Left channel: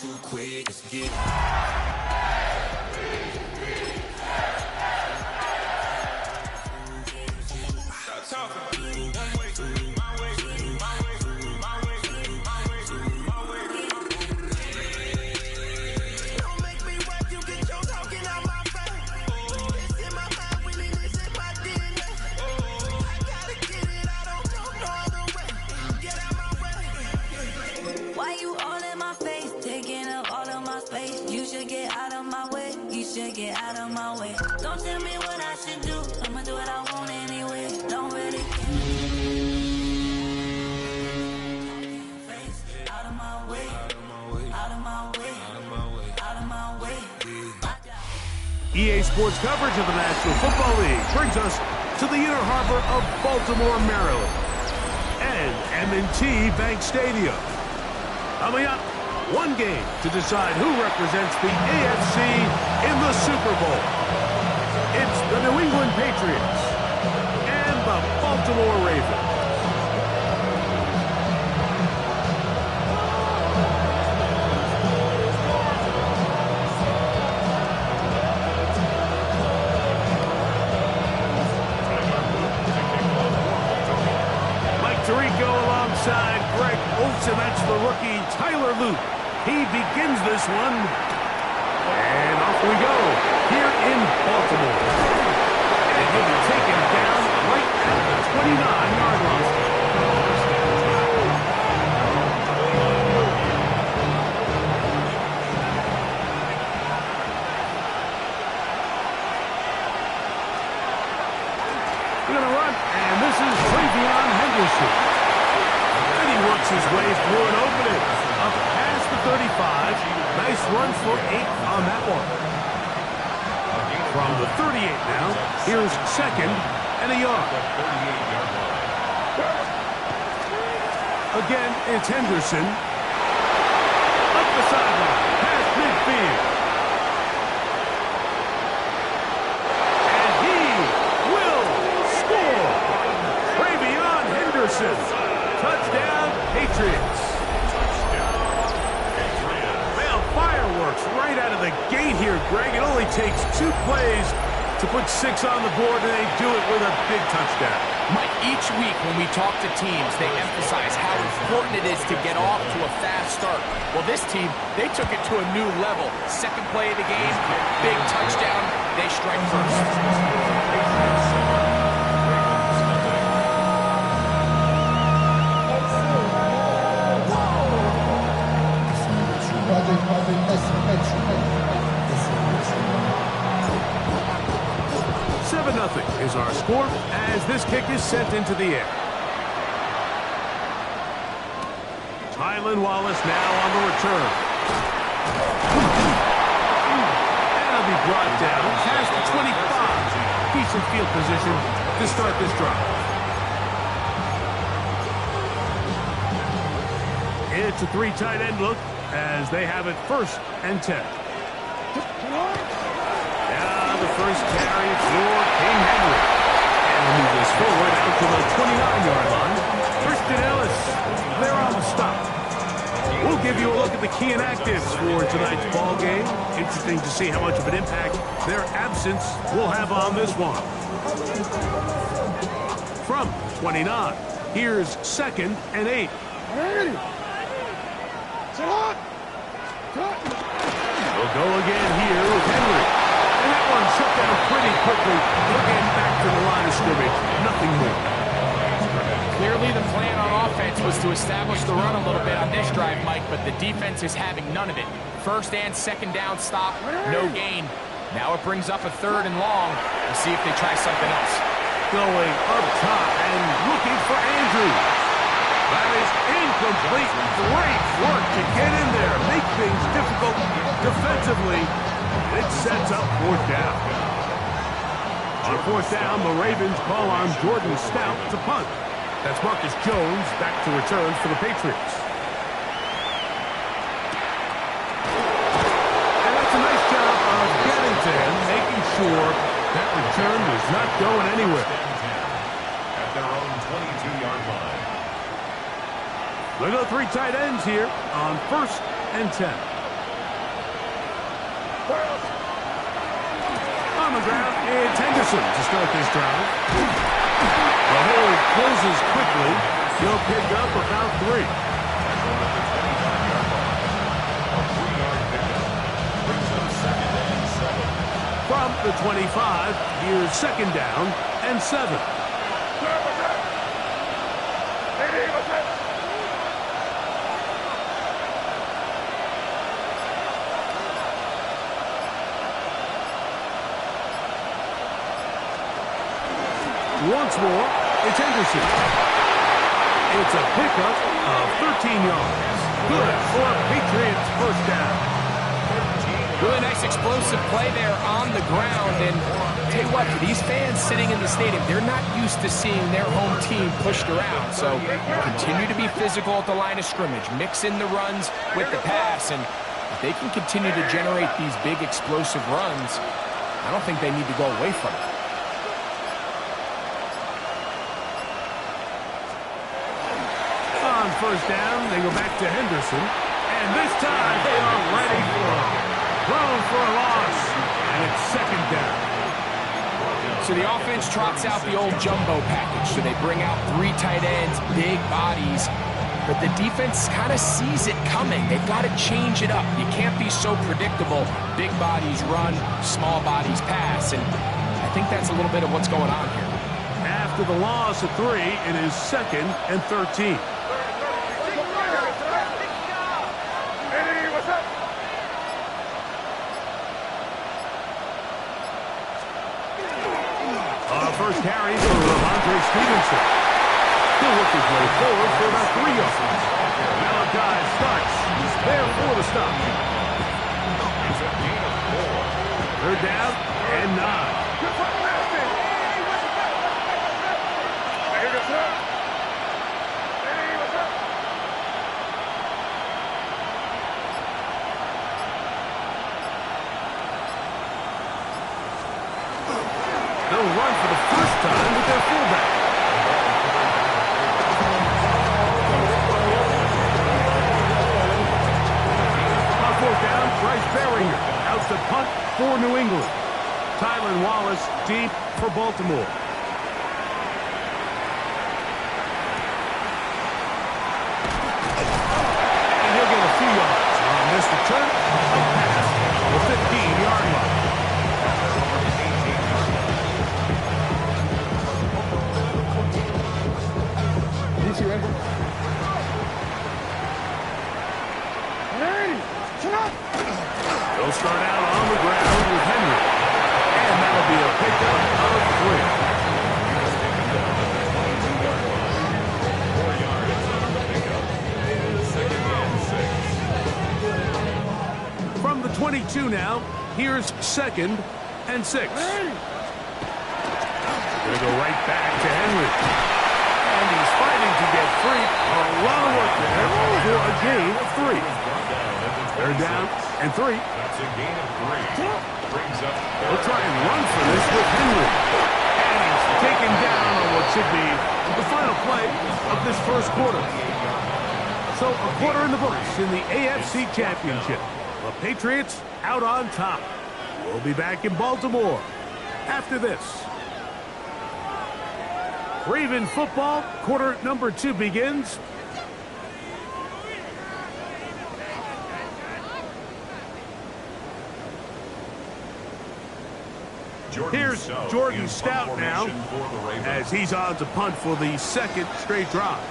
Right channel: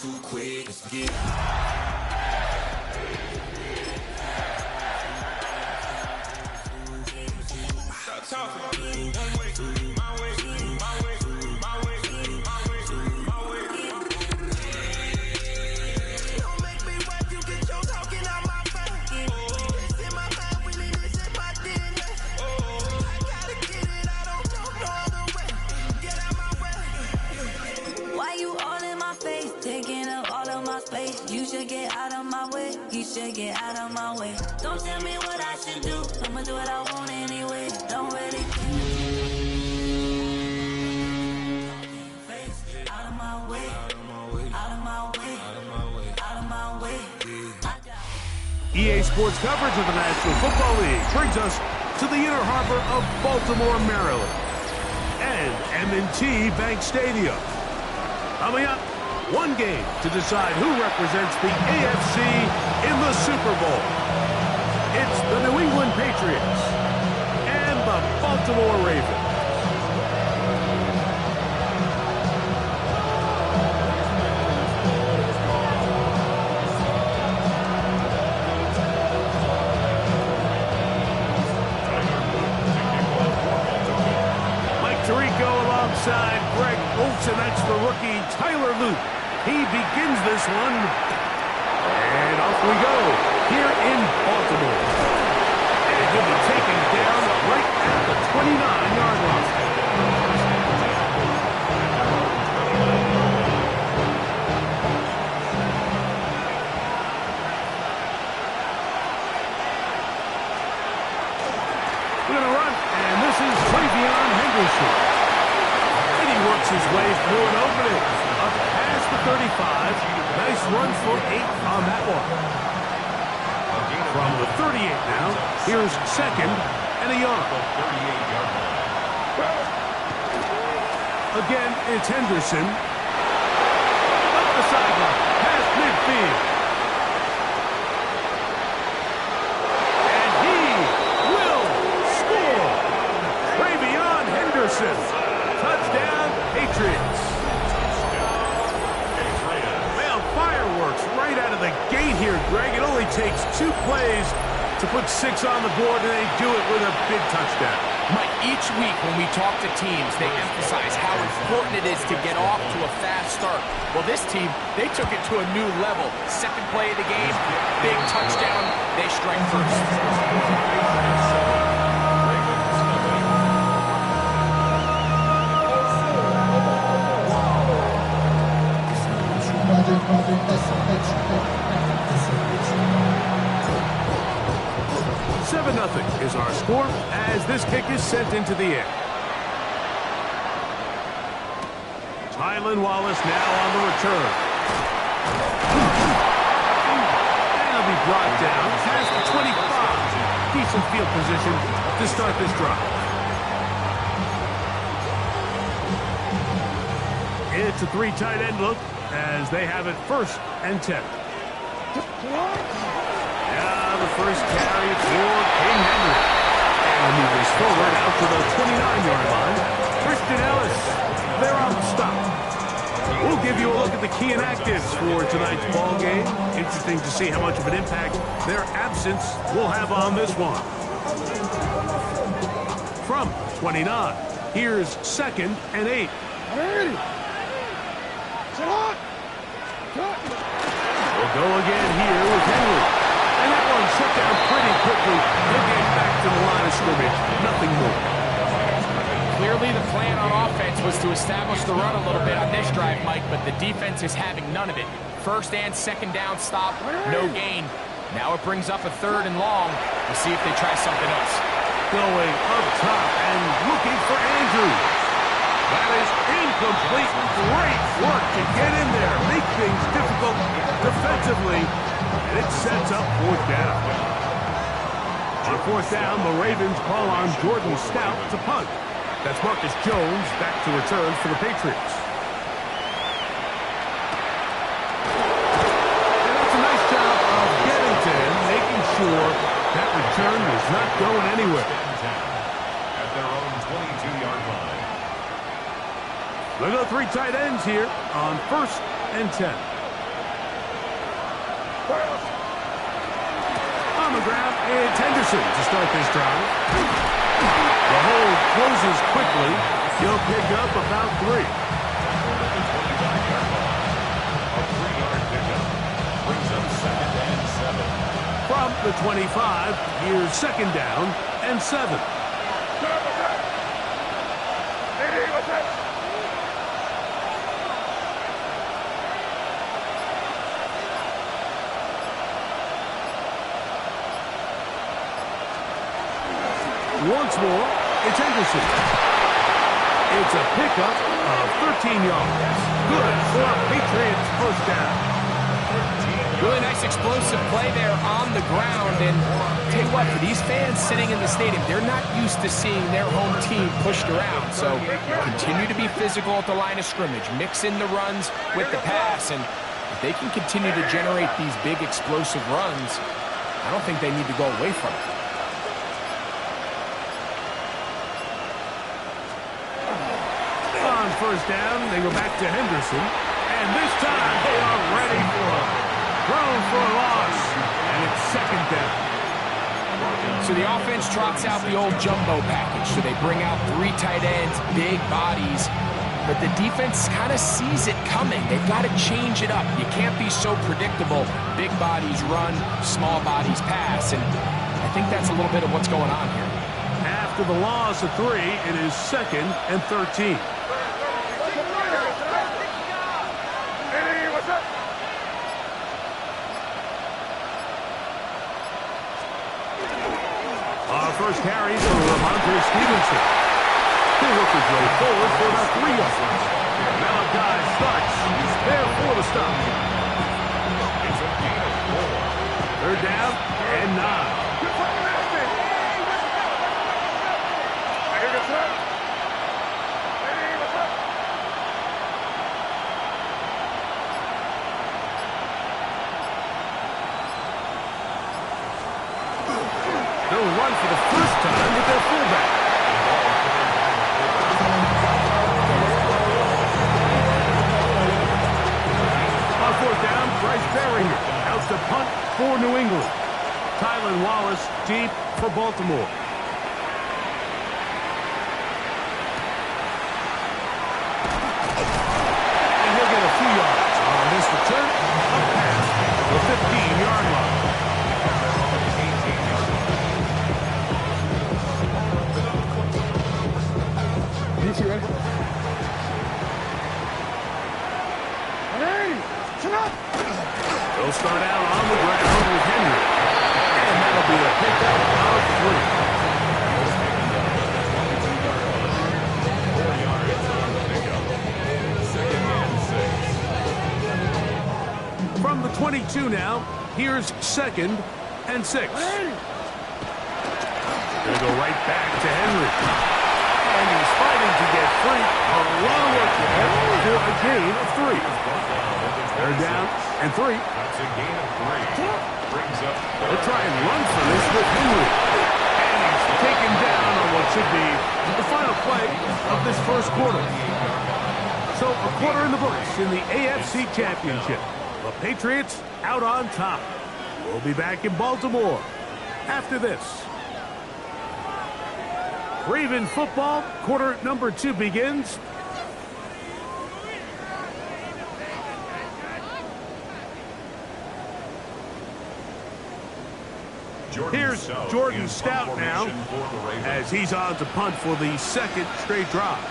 too quick, let's get it. Stop talking. One way, my way, my way, my way, my way, my way. Don't make me wipe you, get your talking out my face. It's in my mind, winning is in my DNA. I gotta get it, I don't know no other way. Get out my way. Why you all in my face, taking up all of my space? You should get out of my way, you should get out of my way. Don't tell me what I should do, I'ma do what I want anyway. Don't really care. Out of my way, out of my way, out of my way, out of my way, out of my way. EA Sports coverage of the National Football League brings us to the inner harbor of Baltimore, Maryland, and M&T Bank Stadium. Coming up, one game to decide who represents the AFC in the Super Bowl. It's the New England Patriots and the Baltimore Ravens. Tirico alongside Greg Olsen. That's the rookie Tyler Luke. He begins this one. And off we go here in Baltimore. And he'll be taken down right at the 29-yard line. We're going to run, and this is Travion Henderson. And he works his way through an opening. Up past the 35. Nice run for 8 on that one. From the 38 now, here's second and a yard. Again, it's Henderson. Up the sideline, past midfield. And he will score. Travion Henderson. Touchdown, Patriots. Well, fireworks right out of the gate here, Greg. It only takes 2 plays to put 6 on the board, and they do it with a big touchdown. Mike, each week when we talk to teams, they emphasize how important it is to get off to a fast start. Well, this team, they took it to a new level. Second play of the game, big touchdown, they strike first. Seven 0 is our score as this kick is sent into the air. Tylan Wallace now on the return. And he'll be brought down past the 25. Decent field position to start this drive. It's a 3 tight end look as they have it 1st and 10. Now the first carry for King Henry. And he'll move this forward out to the 29-yard line. Christian Ellis, they're on the stop. We'll give you a look at the key inactives for tonight's ball game. Interesting to see how much of an impact their absence will have on this one. From 29, here's 2nd and 8. We'll go again here with Henry. And that one shut down pretty quickly. He'll get back to the line of scrimmage. Nothing more. Clearly the plan on offense was to establish the run a little bit on this drive, Mike, but the defense is having none of it. 1st and 2nd down stop, no gain. Now it brings up a 3rd and long. We'll see if they try something else. Going up top and looking for Andrews. That is incomplete. Great work to get in there. Make things difficult defensively. And it sets up 4th down. On 4th down, the Ravens call on Jordan Stout to punt. That's Marcus Jones back to return for the Patriots. And that's a nice job of getting to him, making sure that return is not going anywhere. At their own 22-yard line. We'll go 3 tight ends here on 1st and 10. On the ground, it's Henderson to start this drive. The hole closes quickly. He'll pick up about 3. Tackled at the 25-yard line. A 3-yard pickup. Brings up 2nd and 7. From the 25, here's 2nd down and 7. Once more, it's Henderson. It's a pickup of 13 yards. Good for a Patriots first down. Really nice explosive play there on the ground. And tell you what, for these fans sitting in the stadium, they're not used to seeing their home team pushed around. So continue to be physical at the line of scrimmage. Mix in the runs with the pass. And if they can continue to generate these big explosive runs, I don't think they need to go away from it. On first down, they go back to Henderson. And this time, they are ready for him. Thrown for a loss, and it's 2nd down. So the offense trots out the old jumbo package. So they bring out 3 tight ends, big bodies. But the defense kind of sees it coming. They've got to change it up. You can't be so predictable. Big bodies run, small bodies pass. And I think that's a little bit of what's going on here. After the loss of 3, it is 2nd and 13. Our first carry for Ramondre Stevenson. He'll work his way forward for about 3 yards. Malachi starts. He's there for the stop. It's a gain of 4. 3rd down and 9. They'll run for the first time with their fullback. On 4th down, Bryce Baringer out to punt for New England. Tylan Wallace deep for Baltimore. And he'll get a few yards on this return. A pass, the 15-yard line. You ready? They'll start out on the ground with Henry. And that'll be a pickup of 3. He was taken down at the 22-yard line. 4 yards on the pickup. 2nd and 6. From the 22 now, here's 2nd and 6. Gonna go right back to Henry. And he's fighting to get free. A lot of work there for a gain of 3. 3rd down and 3. That's a gain of 3. Brings up. They'll try and run for this with Henry. And he's taken down on what should be the final play of this first quarter. So a quarter in the books in the AFC Championship. The Patriots out on top. We'll be back in Baltimore after this. Raven football, quarter number 2 begins. Here's Jordan Stout now as he's on to punt for the 2nd straight drive.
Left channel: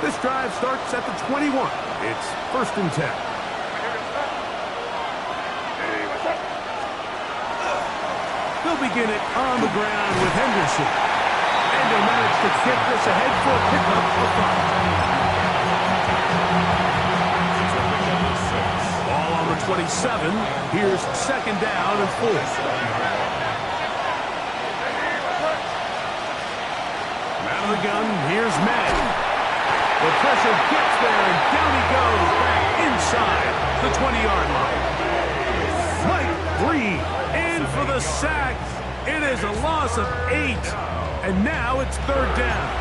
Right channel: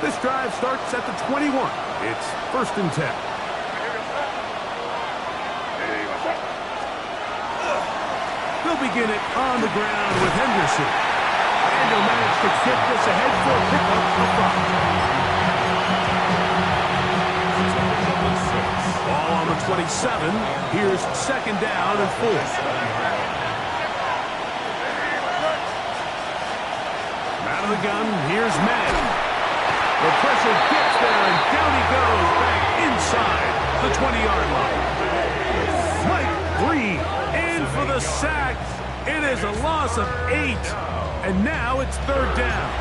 This drive starts at the 21. It's 1st and 10. They'll begin it on the ground with Henderson. And he'll manage to get this ahead for a pickup of 5. Ball on the 27. Here's 2nd down and 4. Out of the gun, here's Madden. The pressure gets there, and down he goes back inside the 20-yard line. Mike Green in for the sack. It is a loss of 8, and now it's 3rd down.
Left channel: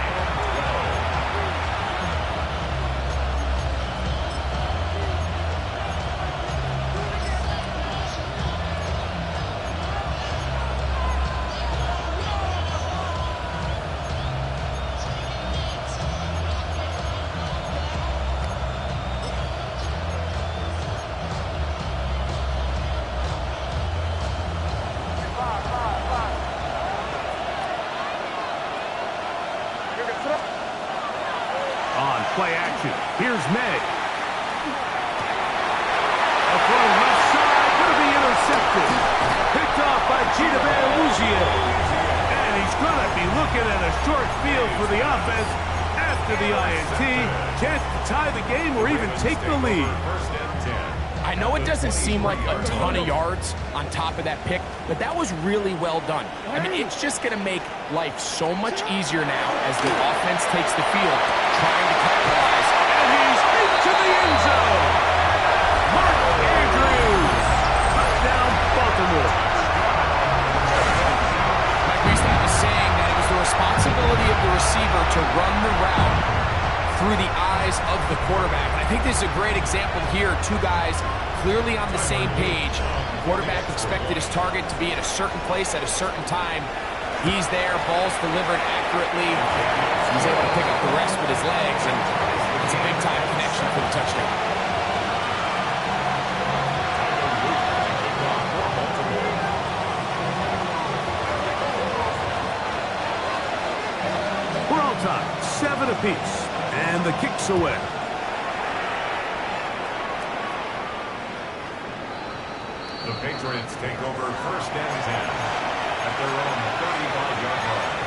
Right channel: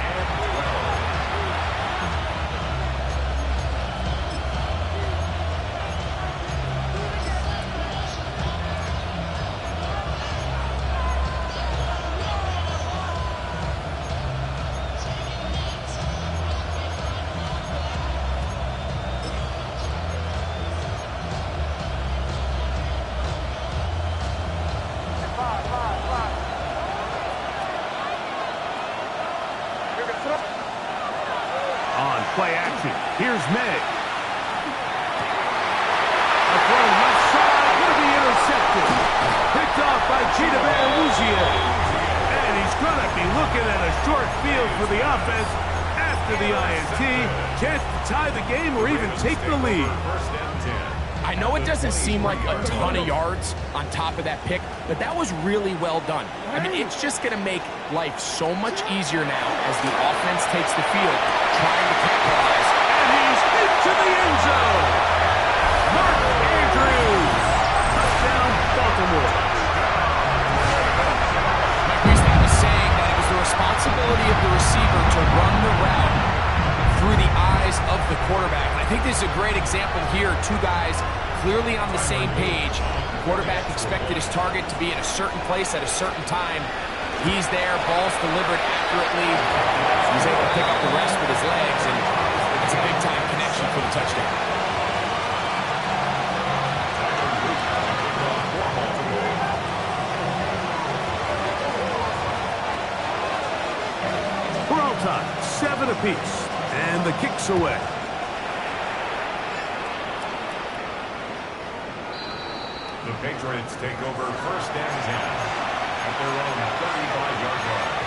On play action, here's May. A throw left side, going to be intercepted. Picked off by Cheetah Wuzier. And he's going to be looking at a short field for the offense after the INT. Chance to tie the game or even take the lead. I know it doesn't seem like a ton of yards on top of that pick, but that was really well done. I mean, it's just going to make life so much easier now as the offense takes the field, trying to capitalize. And he's into the end zone. Mark Andrews. Touchdown, Baltimore. Mike, we used to have a saying that it was the responsibility of the receiver to run the route through the eyes of the quarterback. And I think this is a great example here. Two guys clearly on the same page. The quarterback expected his target to be at a certain place at a certain time. He's there, ball's delivered accurately. He's able to pick up the rest with his legs, and it's a big-time connection for the touchdown. We're all tied, 7 apiece, and the kick's away. The Patriots take over 1st and 10 at their own 35-yard line.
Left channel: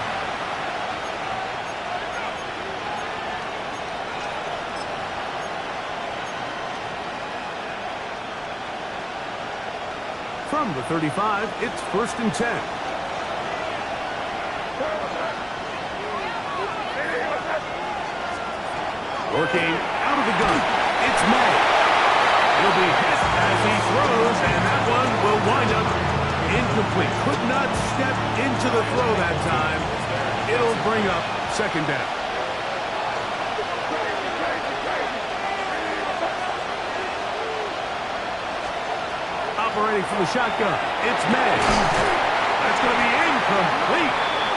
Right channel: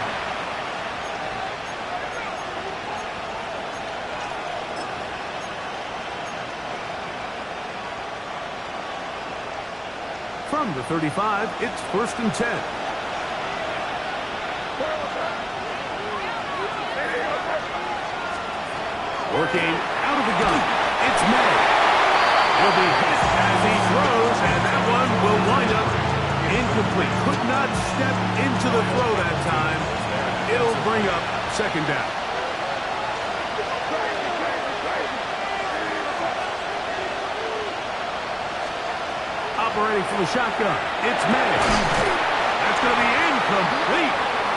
From the 35, it's 1st and 10. Working out of the gun, it's May. It'll be hit as he throws, and that one will wind up incomplete. Could not step into the throw that time. It'll bring up 2nd down. Operating from the shotgun, it's May. That's going to be incomplete.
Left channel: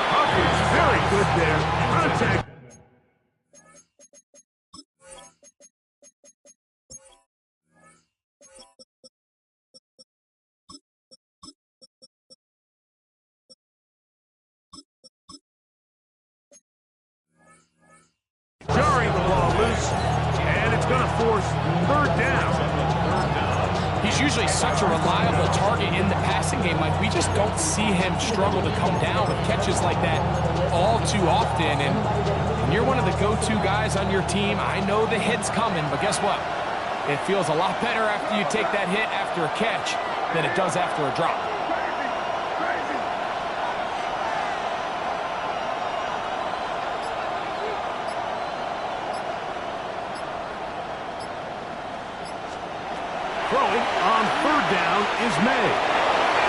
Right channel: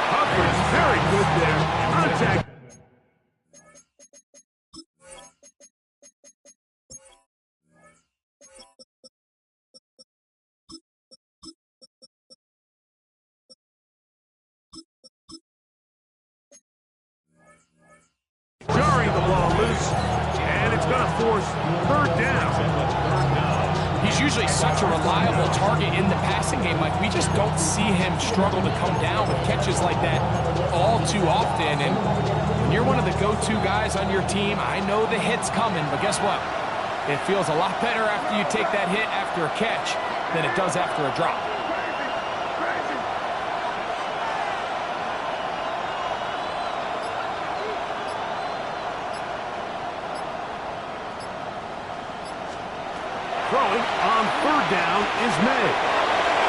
Coverage very good there. Contact. Jarring the ball loose, and it's going to force 3rd down. He's usually such a reliable target in the passing game. Like, we just don't see him struggle to come down with catches like that all too often. And when you're one of the go-to guys on your team, I know the hit's coming, but guess what? It feels a lot better after you take that hit after a catch than it does after a drop. Throwing on 3rd down is May.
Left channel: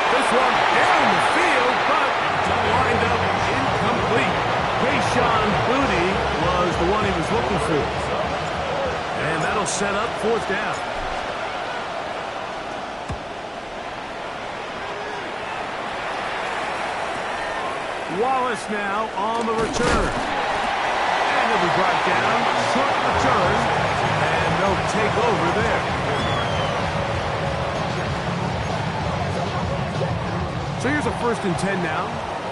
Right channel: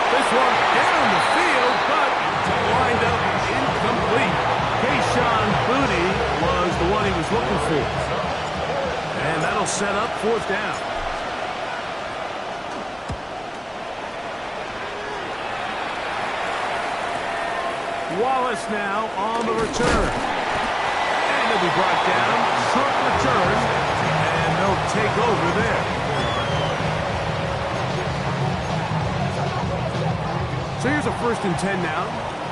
This one down the field, but lined up incomplete. Kayshawn Booty was the one he was looking for. And that'll set up 4th down. Wallace now on the return. And he'll be brought down. Short return. And they'll take over there. So here's a 1st and 10 now.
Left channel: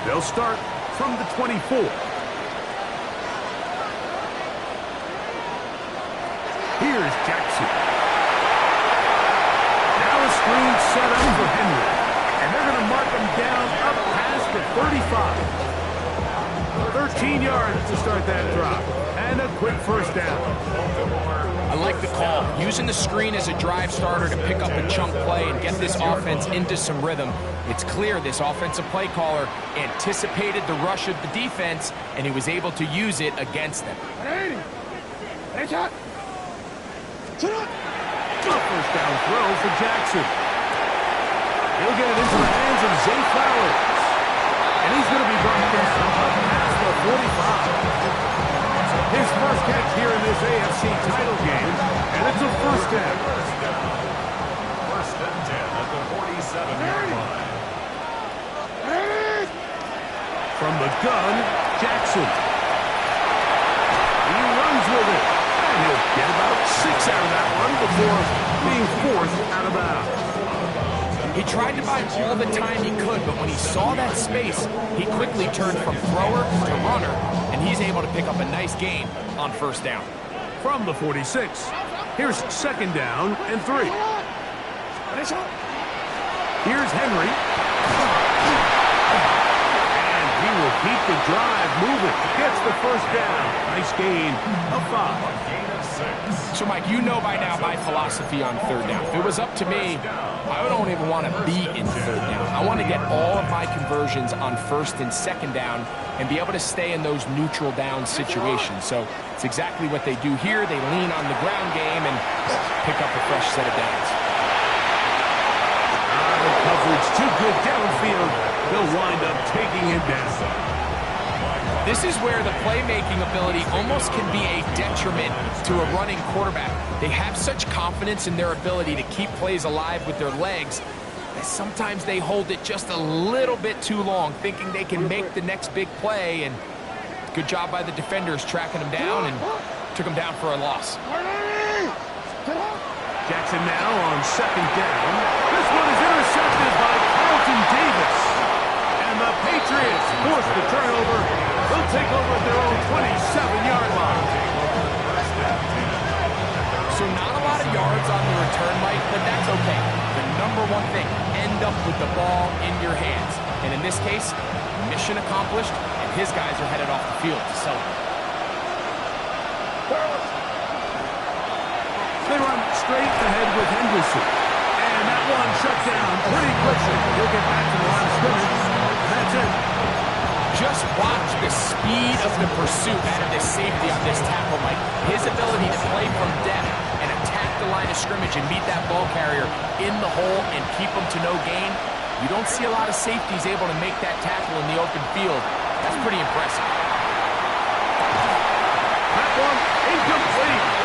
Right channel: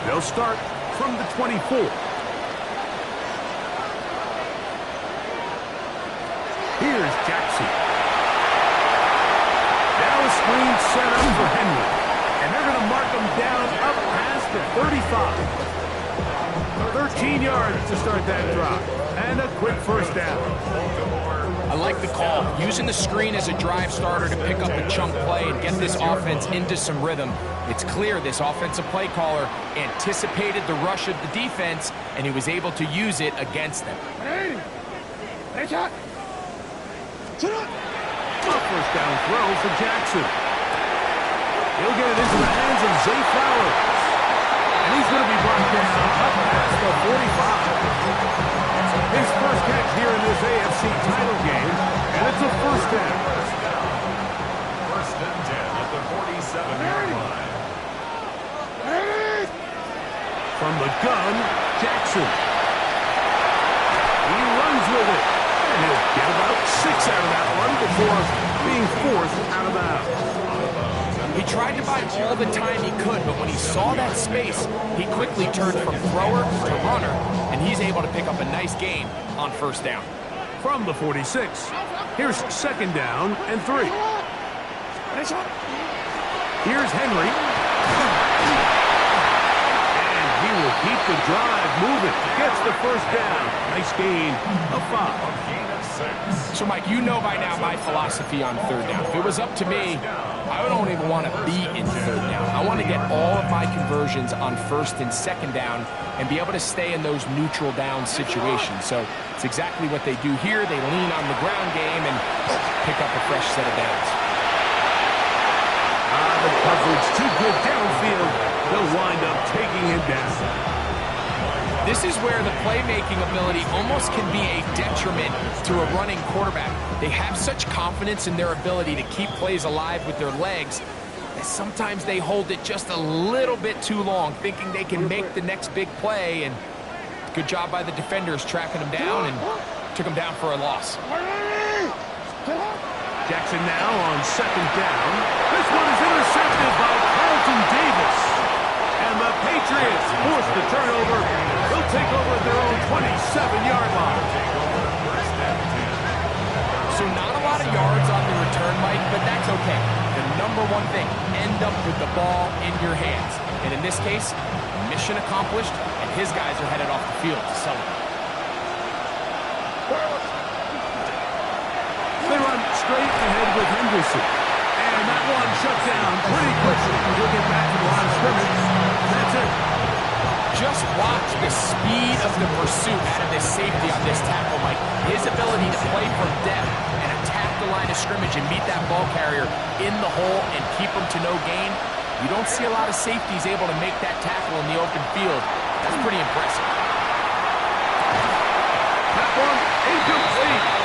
They'll start from the 24. Here's Jackson. Now a screen set up for Henry. And they're going to mark him down up past the 35. 13 yards to start that drop. And a quick 1st down. I like the call. Using the screen as a drive starter to pick up a chunk play and get this offense into some rhythm. It's clear this offensive play caller anticipated the rush of the defense, and he was able to use it against them. A first down throw for Jackson. He'll get it into the hands of Zay Flowers. And he's going to be brought down up past the 45. His first catch here in this AFC title game, and it's a first down. First and 10 at the 47-yard line. From the gun, Jackson. He runs with it. And he'll get about 6 out of that one before being forced out of bounds. He tried to buy all the time he could, but when he saw that space, he quickly turned from thrower to runner, and he's able to pick up a nice gain on first down. From the 46, here's second down and 3. Here's Henry. And he will keep the drive moving. Gets the first down. Nice gain of 5. A gain of 6. So, Mike, you know by now my philosophy on third down. If it was up to me, I don't even want to be in third down. I want to get all of my conversions on first and second down and be able to stay in those neutral down situations. So it's exactly what they do here. They lean on the ground game and pick up a fresh set of downs. The coverage too good downfield. They'll wind up taking him down. This is where the playmaking ability almost can be a detriment to a running quarterback. They have such confidence in their ability to keep plays alive with their legs that sometimes they hold it just a little bit too long, thinking they can make the next big play. And good job by the defenders tracking him down and took him down for a loss. Jackson now on second down. This one is intercepted by Carlton Davis. And the Patriots force the turnover. They'll take over at their own 27-yard line. So not a lot of yards on the return, Mike, but that's okay. The number one thing, end up with the ball in your hands. And in this case, mission accomplished, and his guys are headed off the field to celebrate. They run straight ahead with Henderson. And that one shut down pretty quickly. He'll get back to the line of scrimmage. That's it. Just watch the speed of the pursuit out of this safety on this tackle, Mike. His ability to play from depth and attack the line of scrimmage and meet that ball carrier in the hole and keep him to no gain. You don't see a lot of safeties able to make that tackle in the open field. That's pretty impressive. That one incomplete.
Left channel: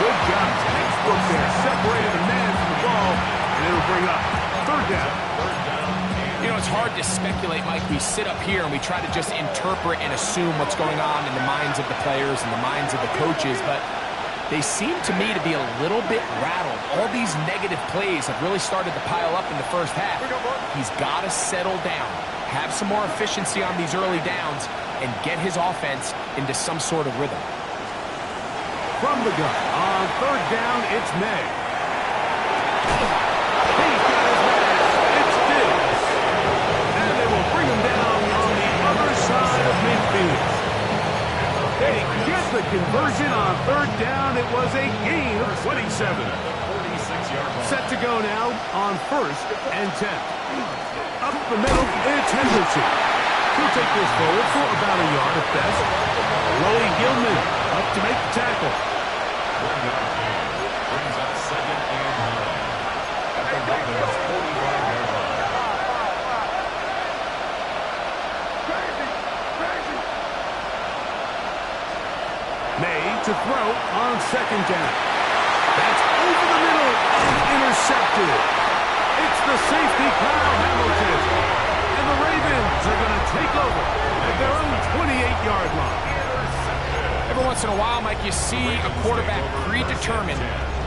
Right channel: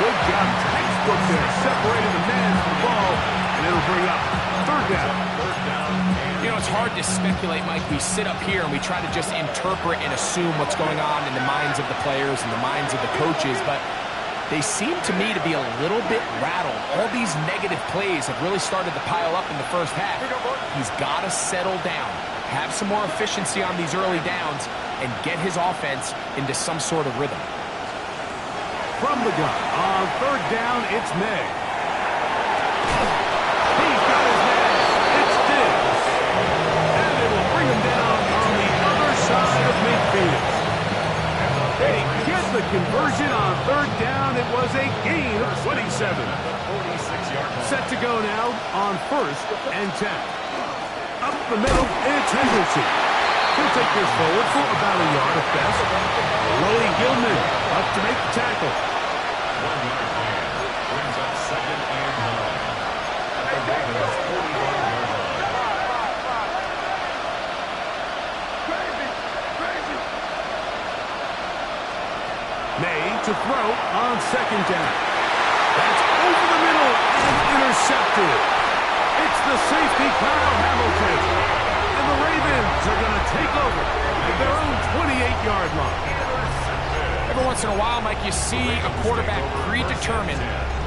Good job, textbook there, separating the man from the ball, and it'll bring up third down. You know, it's hard to speculate, Mike. We sit up here and we try to just interpret and assume what's going on in the minds of the players and the minds of the coaches, but they seem to me to be a little bit rattled. All these negative plays have really started to pile up in the first half. He's got to settle down, have some more efficiency on these early downs, and get his offense into some sort of rhythm. From the gun, on third down, it's May. He's got his man. It's Diggs. And they will bring him down on the other side of midfield. They get the conversion on third down. It was a gain of 27. Set to go now on first and 10. Up the middle, it's Henderson. He'll take this forward for about a yard at best. Willie Gilman up to make the tackle. 1 yard gain. Brings up second and 9. At the Ravens' 45-yard line. May to throw on second down. That's over the middle and intercepted. It's the safety, Kyle Hamilton. And the Ravens are going to take over at their own 28-yard line. Every once in a while, Mike, you see a quarterback predetermined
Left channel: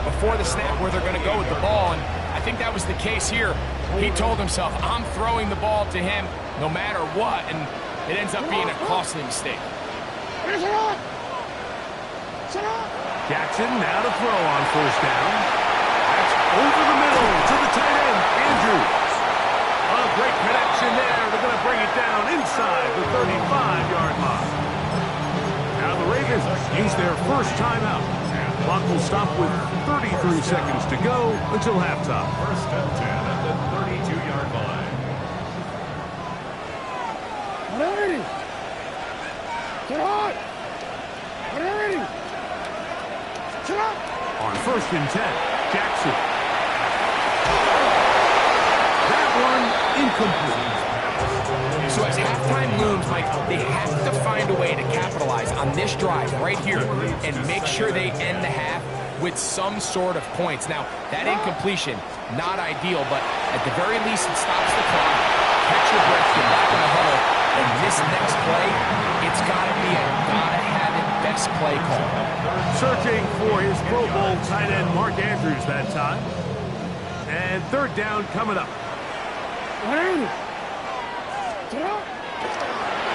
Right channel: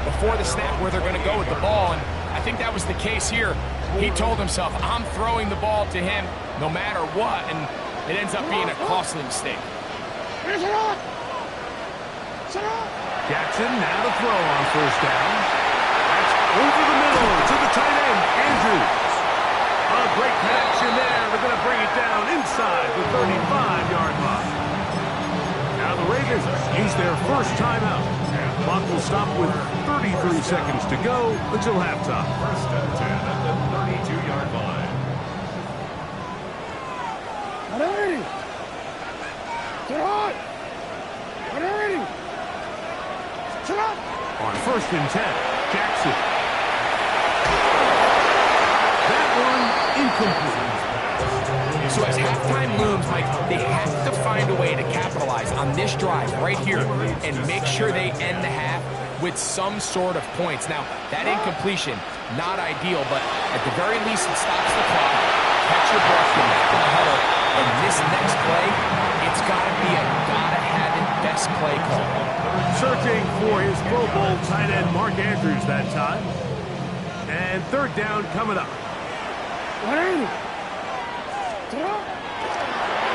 before the snap where they're going to go with the ball, and I think that was the case here. He told himself, I'm throwing the ball to him no matter what, and it ends up being a costly mistake. Jackson now to throw on first down. That's over the middle to the tight end, Andrews. A great connection there. They're going to bring it down inside the 35-yard line. Now the Ravens use their first timeout. Clock will stop with 33 seconds to go until halftime. First and 10 at the 32-yard line. On first and 10, Jackson. That one incomplete. So as halftime looms, Mike, they have to find a way to capitalize on this drive right here and make sure they end the half with some sort of points. Now, that incompletion, not ideal, but at the very least, it stops the clock. Catch your breath, get back in the huddle, and this next play, it's got to be a gotta-have-it best play call. Searching for his Pro Bowl tight end Mark Andrews that time. And third down coming up.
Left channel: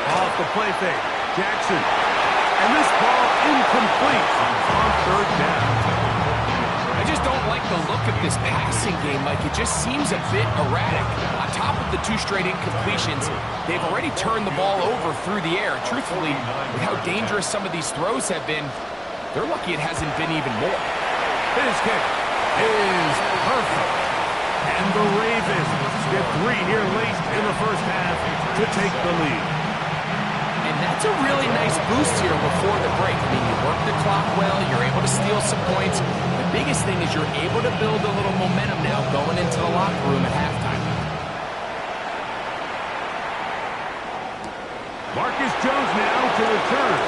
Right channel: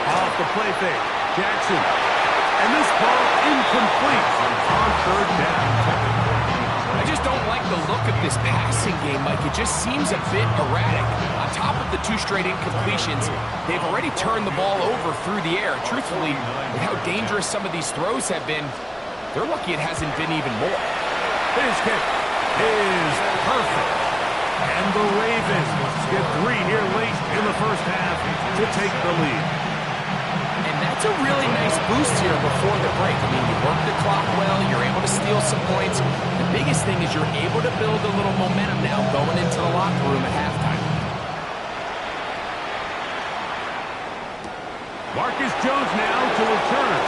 Off the play fake, Jackson. And this ball incomplete on third down. I just don't like the look of this passing game, Mike. It just seems a bit erratic. On top of the 2 straight incompletions, they've already turned the ball over through the air. And truthfully, with how dangerous some of these throws have been, they're lucky it hasn't been even more. His kick is perfect. And the Ravens get 3 here late in the first half to take the lead. And that's a really nice boost here before the break. I mean, you work the clock well, you're able to steal some points. The biggest thing is you're able to build a little momentum now going into the locker room at halftime. Marcus Jones now to return.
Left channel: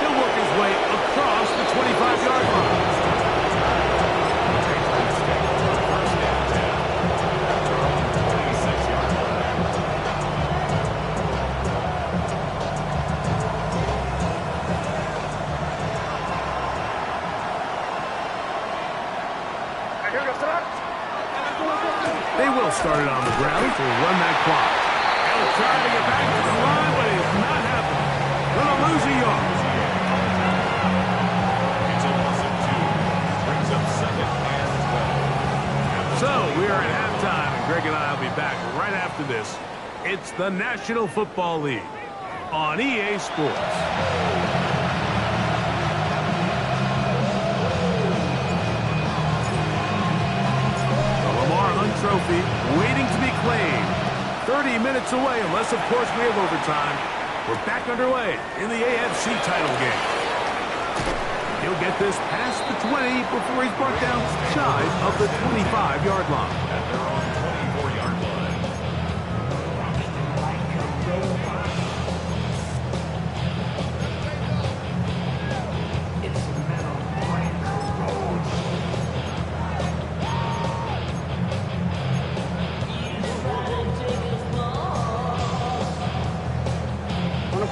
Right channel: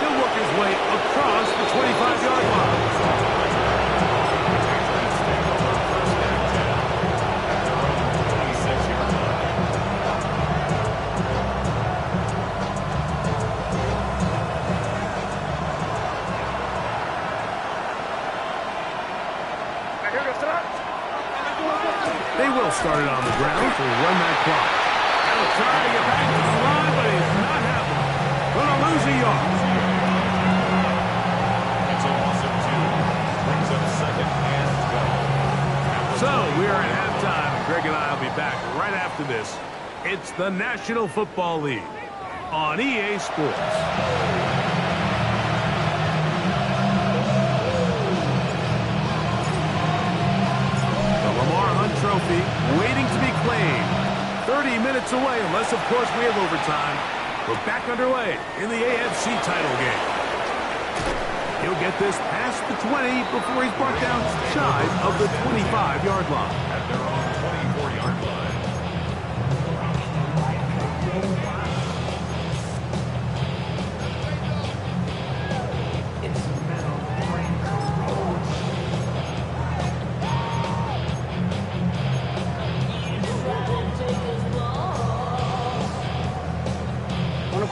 He'll work his way across the 25-yard line. They will start it on the ground to run that clock. He'll try to get back to the line, but it's not happening. Gonna lose a yard. It's a loss of 2. Brings up second and 12. So we are at halftime, and Greg and I will be back right after this. It's the National Football League on EA Sports. Trophy waiting to be claimed. 30 minutes away, unless, of course, we have overtime. We're back underway in the AFC title game. He'll get this past the 20 before he's brought down shy of the 25-yard line. At their own 24-yard line.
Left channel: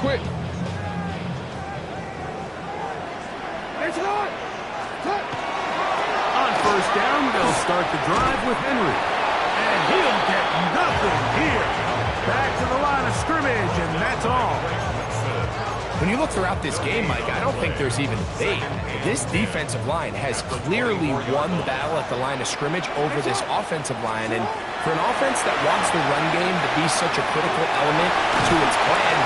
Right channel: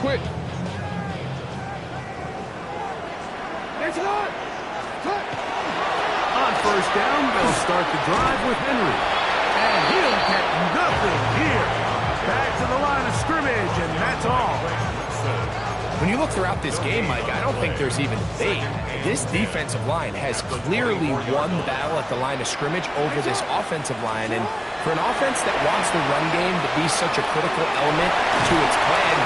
Quit. On first down, they'll start the drive with Henry. And he'll get nothing here. Back to the line of scrimmage, and that's all. When you look throughout this game, Mike, I don't think there's even debate. This defensive line has clearly won the battle at the line of scrimmage over this offensive line. And for an offense that wants the run game to be such a critical element to its plan,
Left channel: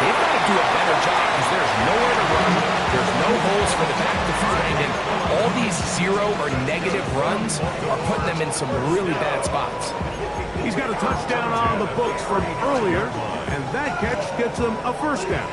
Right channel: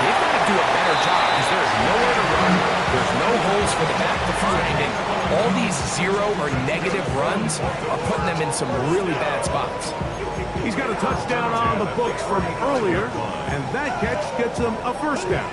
they've got to do a better job because there's nowhere to run. There's no holes for the back to find. And all these 0 or negative runs are putting them in some really bad spots. He's got a touchdown on the books from earlier, and that catch gets him a first down.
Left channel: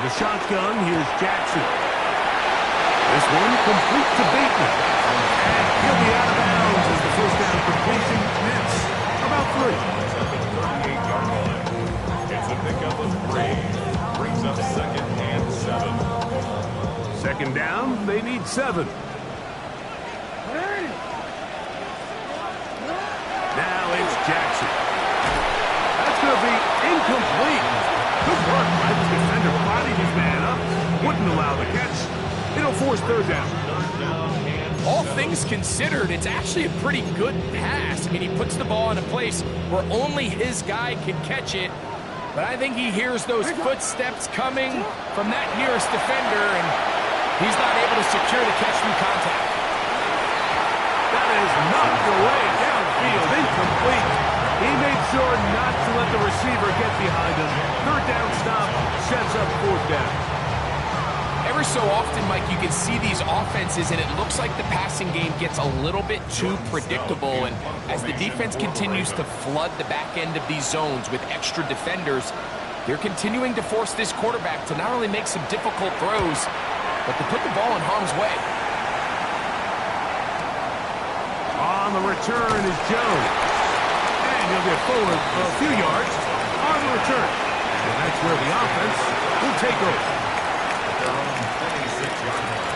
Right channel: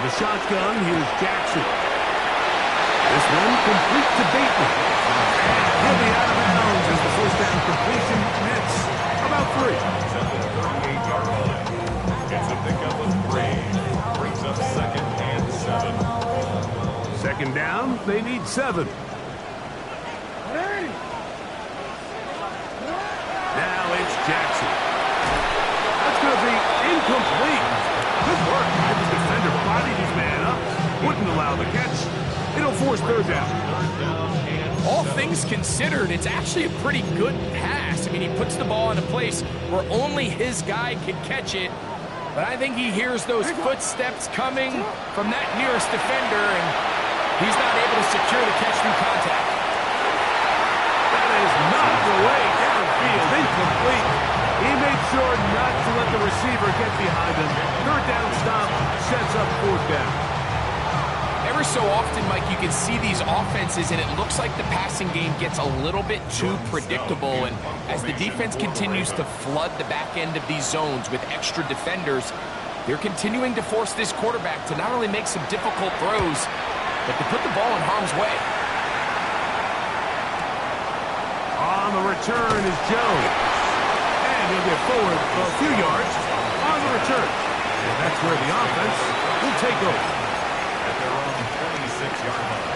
In the shotgun, here's Jackson. This one complete to Bateman. And he'll be out of bounds as the first down completion nets about 3. At the 38-yard line. It's a pickup of 3. Brings up second and 7. Second down, they need 7. Now it's Jackson. That's going to be incomplete. Good work by the defender. Bodied his man up. Wouldn't allow the catch. It'll force third down. All things considered, it's actually a pretty good pass. I mean, he puts the ball in a place where only his guy can catch it. But I think he hears those footsteps coming from that nearest defender, and he's not able to secure the catch through contact. That is knocked away downfield, incomplete. He made sure not to let the receiver get behind him. Third down stop sets up fourth down. Every so often, Mike, you can see these offenses, and it looks like the passing game gets a little bit too predictable. And as the defense continues to flood the back end of these zones with extra defenders, they're continuing to force this quarterback to not only make some difficult throws, but to put the ball in harm's way. On the return is Jones. And he'll get forward a few yards on the return. And that's where the offense will take over. At their own 26-yard line.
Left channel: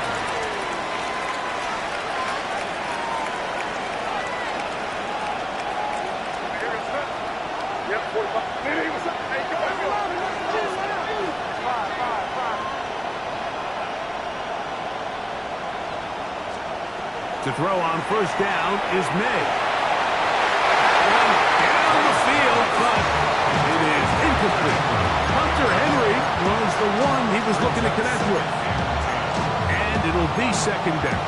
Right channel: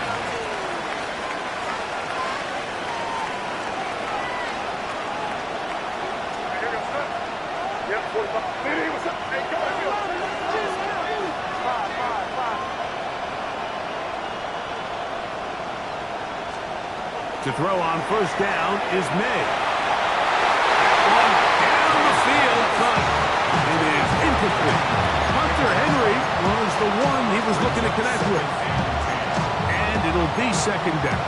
To throw on first down is May. That one down the field, but it is incomplete. Hunter Henry was the one he was looking to connect with. And it'll be second down.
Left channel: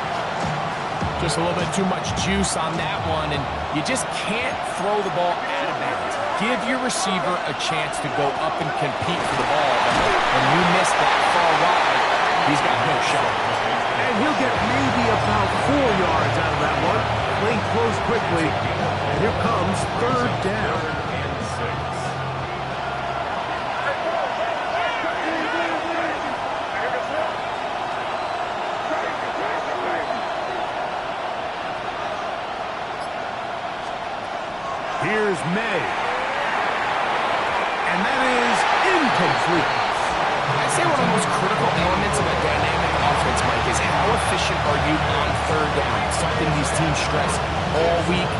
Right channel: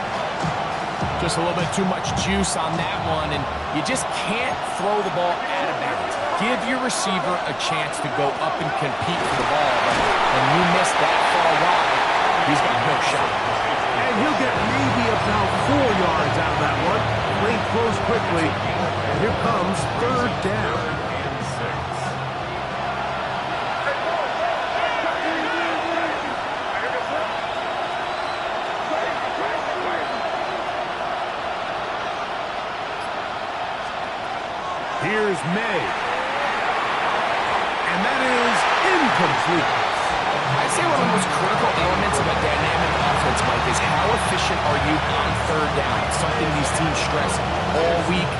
Just a little bit too much juice on that one, and you just can't throw the ball out of bounds. Give your receiver a chance to go up and compete for the ball, but when you miss that far wide, he's got no shot. And he'll get maybe about 4 yards out of that one. Playing close quickly. And here comes third down. Here's May. And that is incomplete. I'd say one of the most critical elements of a dynamic offense, Mike, is how efficient are you on third down? Something these teams stress all week.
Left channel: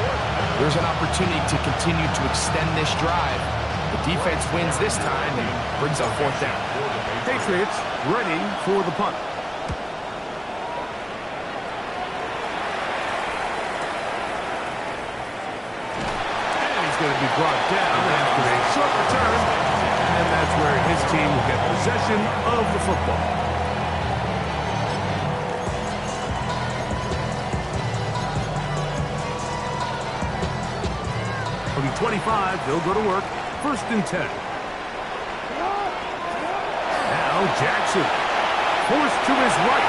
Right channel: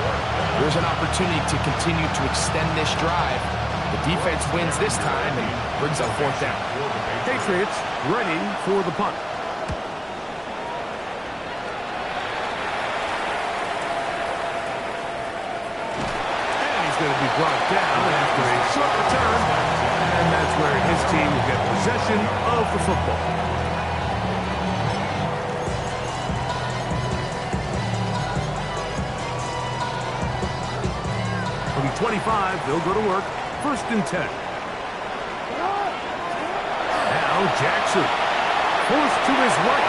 There's an opportunity to continue to extend this drive. The defense wins this time and brings up fourth down. Patriots ready for the punt. And he's going to be brought down after a short return. And that's where his team will get possession of the football. From 25, they'll go to work. First and 10. Now Jackson. Forced to his right.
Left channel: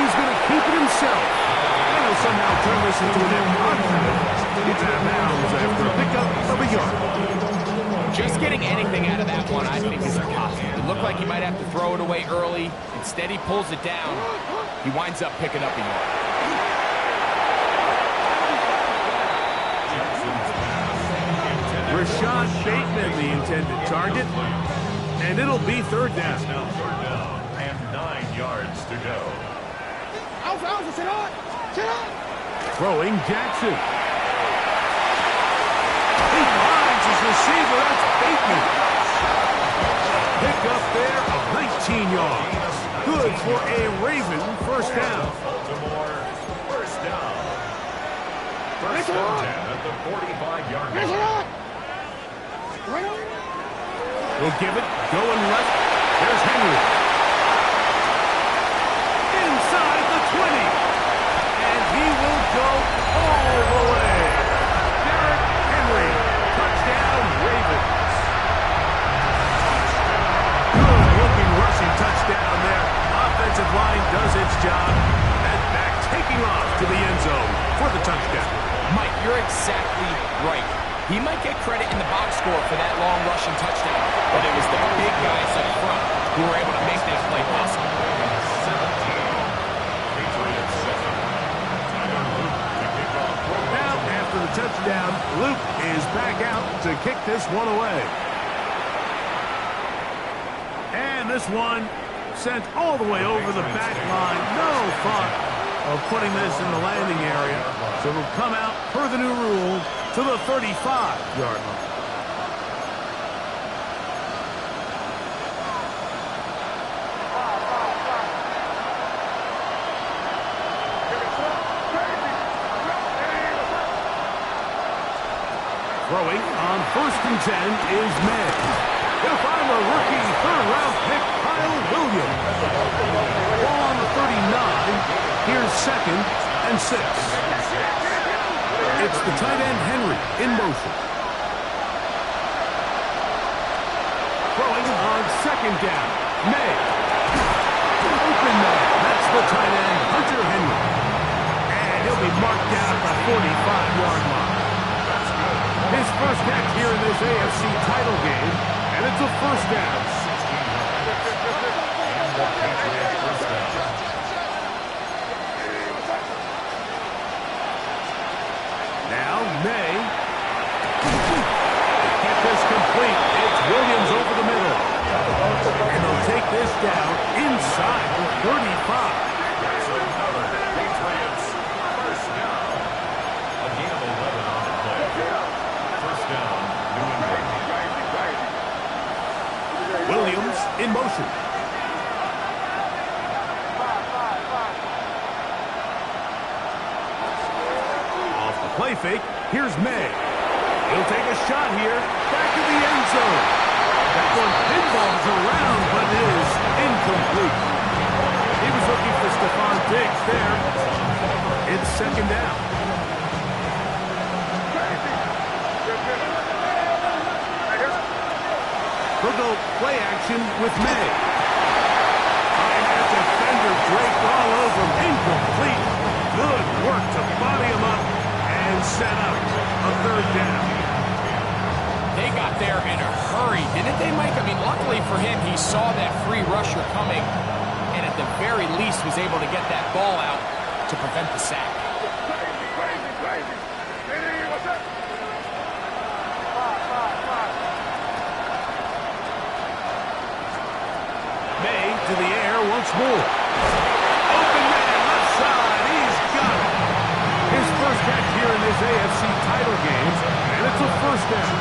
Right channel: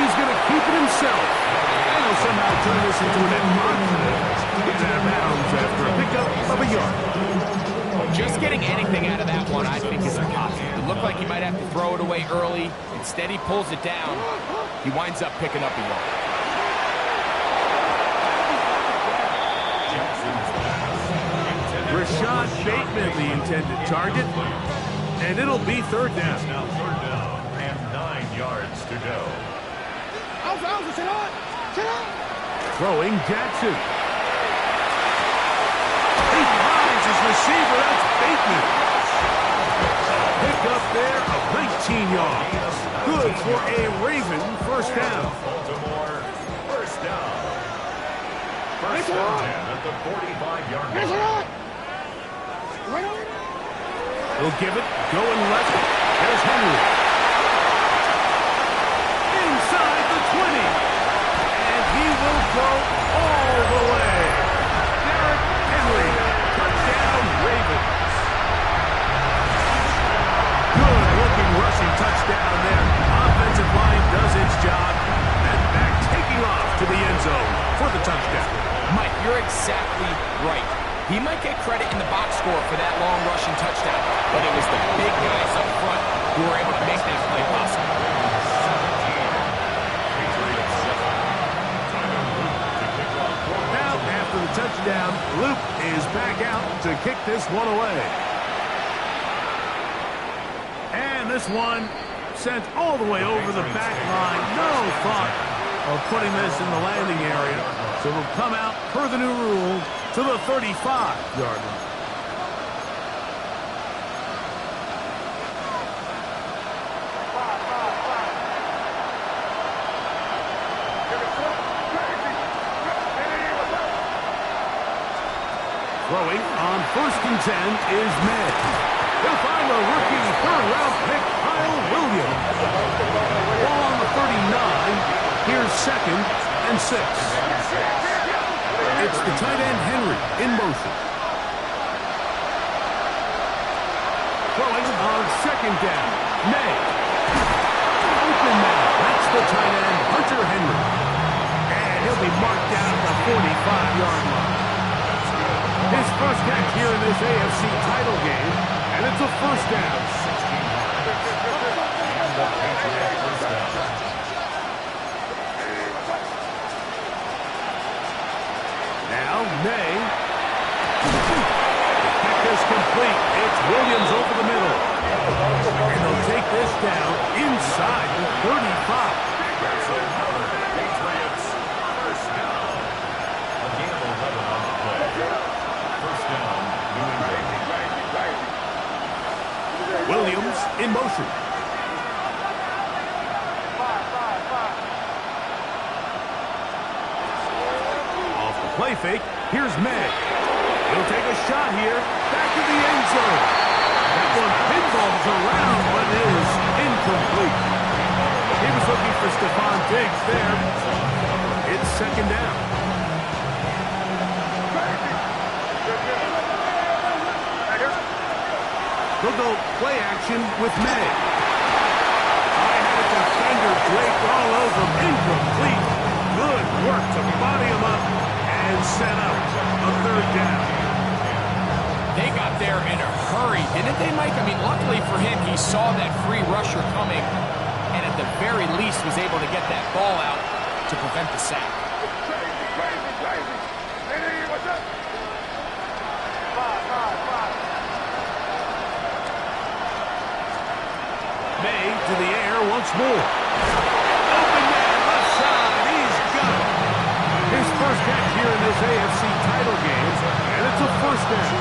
He's going to keep it himself. And he'll somehow turn this into an positive. Get out of bounds after a pickup of a yard. Just getting anything out of that one, I think, is impossible. It looked like he might have to throw it away early. Instead, he pulls it down. He winds up picking up a yard. Rashad Bateman, the intended target. And it'll be third down. Now third down and 9 yards to go. Throwing Jackson. He finds his receiver. That's Bateman. Pick up there of 19 yards. Good for a Raven first down. Baltimore, first down. First and 10 at the 45-yard line. He'll give it. Going left. There's Henry. Inside the 20. And he will go all the way. Derrick Henry. Touchdown, Ravens. Good-looking rushing touchdown there. Offensive line does its job. And back taking off to the end zone for the touchdown. Mike, you're exactly right. He might get credit in the box score for that long rushing touchdown, but it was the big guys up front who were able to make that play possible. 17. Patriots 7. Tyler Luke to kick off. Now, after the touchdown, Luke is back out to kick this one away. And this one sent all the way over the back line. No thought of putting this in the landing area. So it'll come out per the new rule to the 35-yard line. Throwing on first and 10 is May. He'll find the rookie third-round pick, Kyle Williams. Ball on the 39. Here's second and 6. It's the tight end, Henry, in motion. Throwing on second down. May. the tight end, Hunter Henry. And he'll be marked down at the 45-yard line. His first catch here in this AFC title game, and it's a first down. And the Patriots first down. Now, May. To get this complete, it's Williams over the middle. And they'll take this down inside the 35. That's another Patriots first down. A gain of 11 on the play. First down, New England. Williams in motion. Off the play fake, here's May. He'll take a shot here, back in the end zone. That one pinballs around, but is incomplete. He was looking for Stephon Diggs there. It's second down. They'll go play action with May. I had a defender draped all over him. Incomplete. Good work to body him up and set up a third down. They got there in a hurry, didn't they, Mike? I mean, luckily for him, he saw that free rusher coming and at the very least was able to get that ball out to prevent the sack. May to the air once more. Open man, left side, he's got it. His first catch here in this AFC title game, and it's a first down.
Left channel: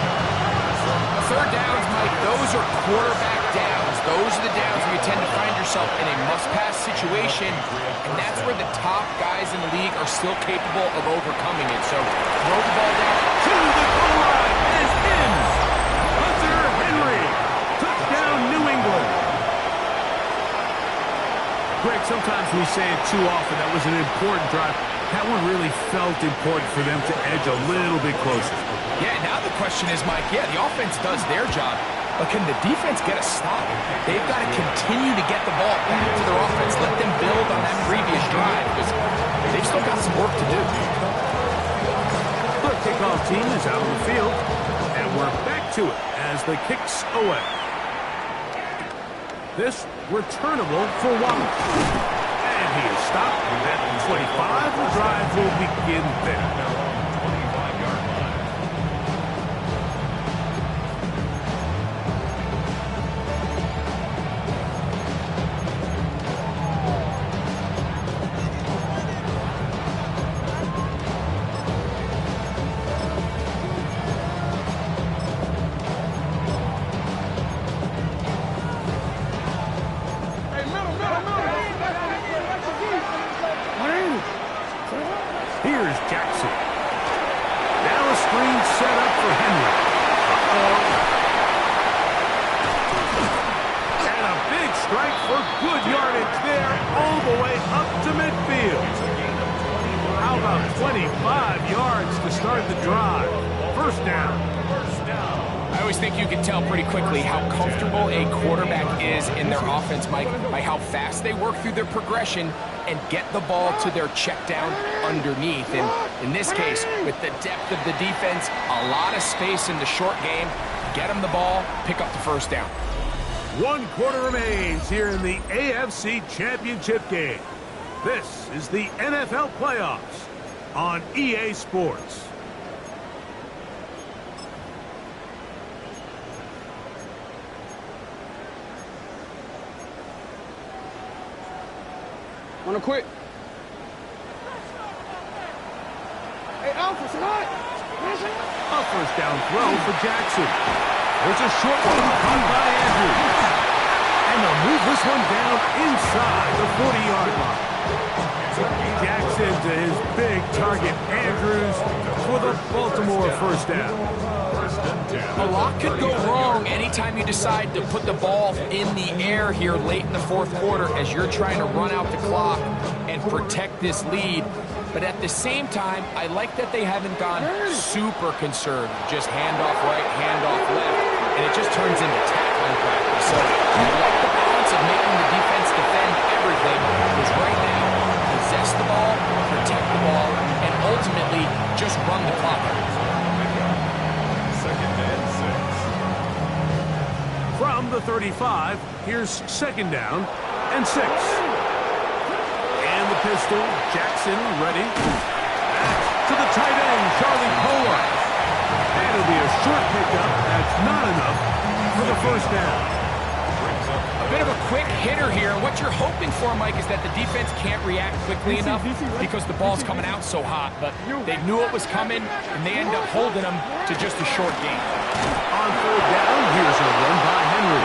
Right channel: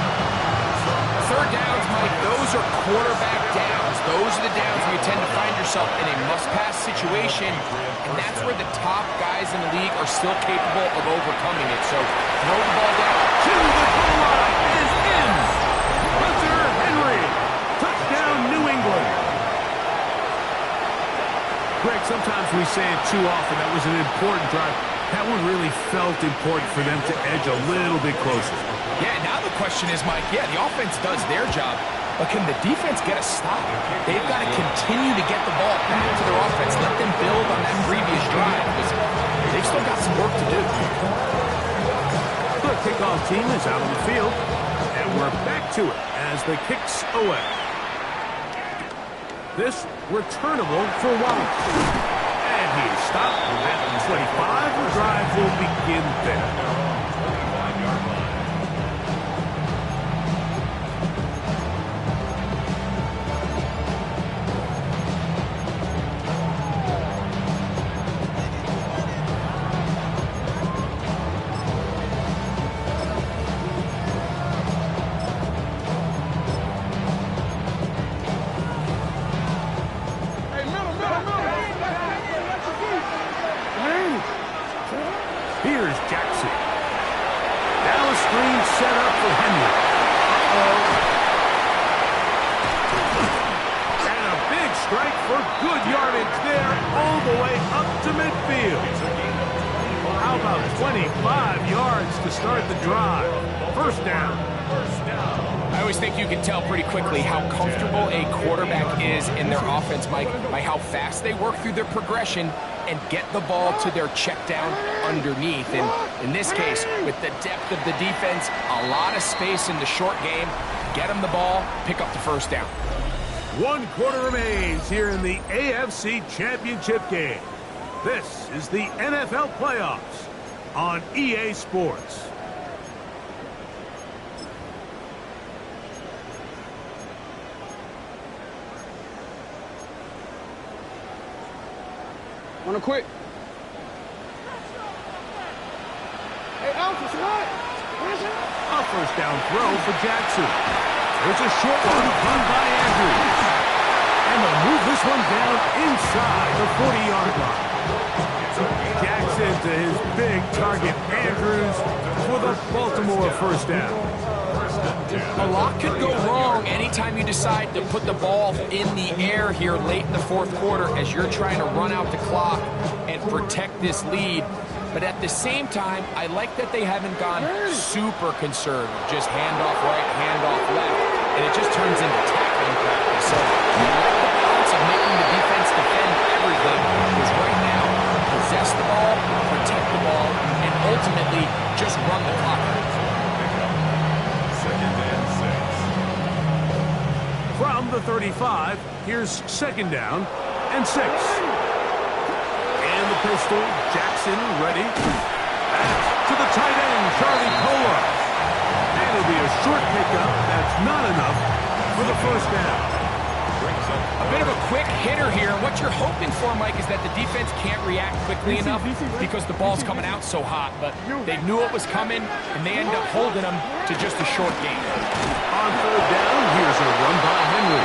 Third downs, Mike, those are quarterback downs. Those are the downs where you tend to find yourself in a must-pass situation, and that's where the top guys in the league are still capable of overcoming it. So throw the ball down To the goal line is in. Hunter Henry. Touchdown, New England. Greg, sometimes we say it too often. That was an important drive. That one really felt important for them to edge a little bit closer. Yeah, now the question is, Mike, yeah, the offense does their job, but can the defense get a stop? They've got to continue to get the ball back to their offense. Let them build on that previous drive, because they've still got some work to do. The kickoff team is out on the field, and we're back to it as the kick's away. This returnable for Wallace. And he is stopped at 25. The drive will begin there. 25-yard line. Here's Jackson. Now a screen set up for Henry. And a big strike for good yardage there all the way up to midfield. How about 25 yards to start the drive? First down. I always think you can tell pretty quickly how comfortable a quarterback is in their offense, Mike, by how fast they work through their progression and get the ball to their check down underneath. And in this case, with the depth of the defense, a lot of space in the short game, get them the ball, pick up the first down. 1 quarter remains here in the AFC Championship game. This is the NFL playoffs on EA Sports. Wanna quit? Hey, Alpha, say hi. A first down throw for Jackson. There's a short one caught by Andrews. And they'll move this one down inside the 40-yard line. Jackson to his big target, Andrews, for the Baltimore first down. A lot could go wrong anytime you decide to put the ball in the air here late in the fourth quarter as you're trying to run out the clock and protect this lead. But at the same time, I like that they haven't gone super conservative. Just handoff right, handoff left, and it just turns into tackling practice. So I like the balance of making the defense defend everything, because right ultimately just run the clock out. Second and 6. From the 35, here's second down and 6. And the pistol, Jackson ready. Back to the tight end, Charlie Polar. And it'll be a short pickup. That's not enough for the first down. A bit of a quick hitter here, and what you're hoping for, Mike, is that the defense can't react quickly enough because the ball's coming out so hot, but they knew it was coming, and they end up holding them to just a short game. On third down, here's a run by Henry.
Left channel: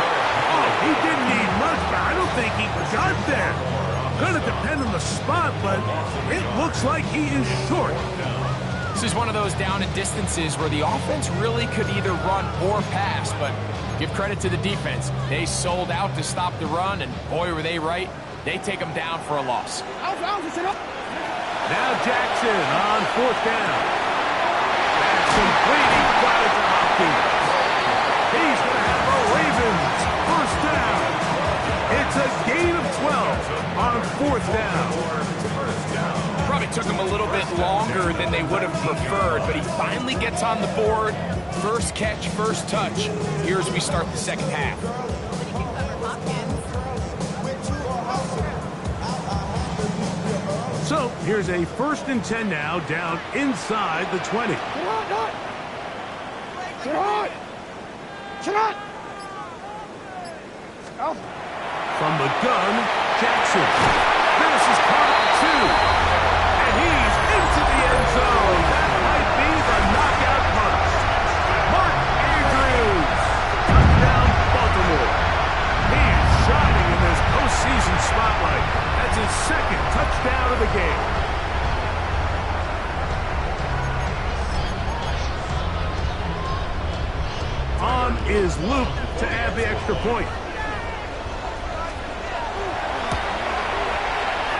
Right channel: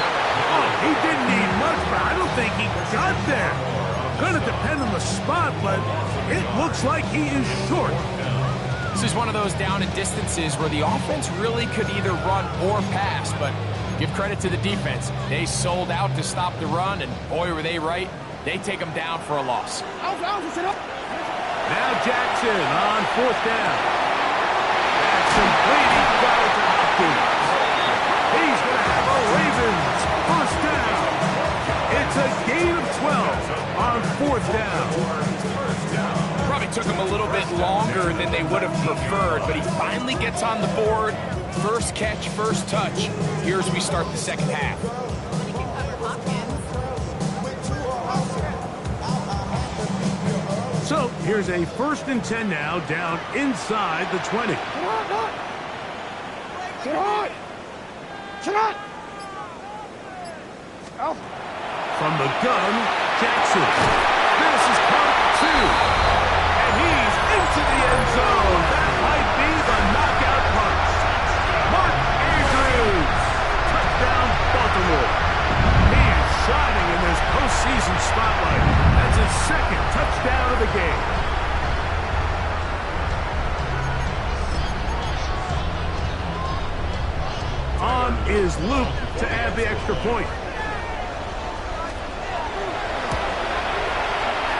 Oh, he didn't need much, but I don't think he got there. Gonna depend on the spot, but it looks like he is short. This is one of those down and distances where the offense really could either run or pass, but give credit to the defense. They sold out to stop the run, and boy, were they right. They take them down for a loss. Now Jackson on fourth down. That's complete. He got it to Hopkins. He's going to have a Ravens first down. It's a gain of 12 on fourth down. Probably took him a little bit longer than they would have preferred, but he finally gets on the board. First catch, first touch. Here as we start the second half. So here's a 1st and 10 now, down inside the 20. From the gun, Jackson. This is caught 2. And he's into the end zone. That might be the knockout punch. Mark Andrews. Touchdown, Baltimore. He is shining in this postseason spotlight. That's his second touchdown of the game. On is Luke to add the extra point.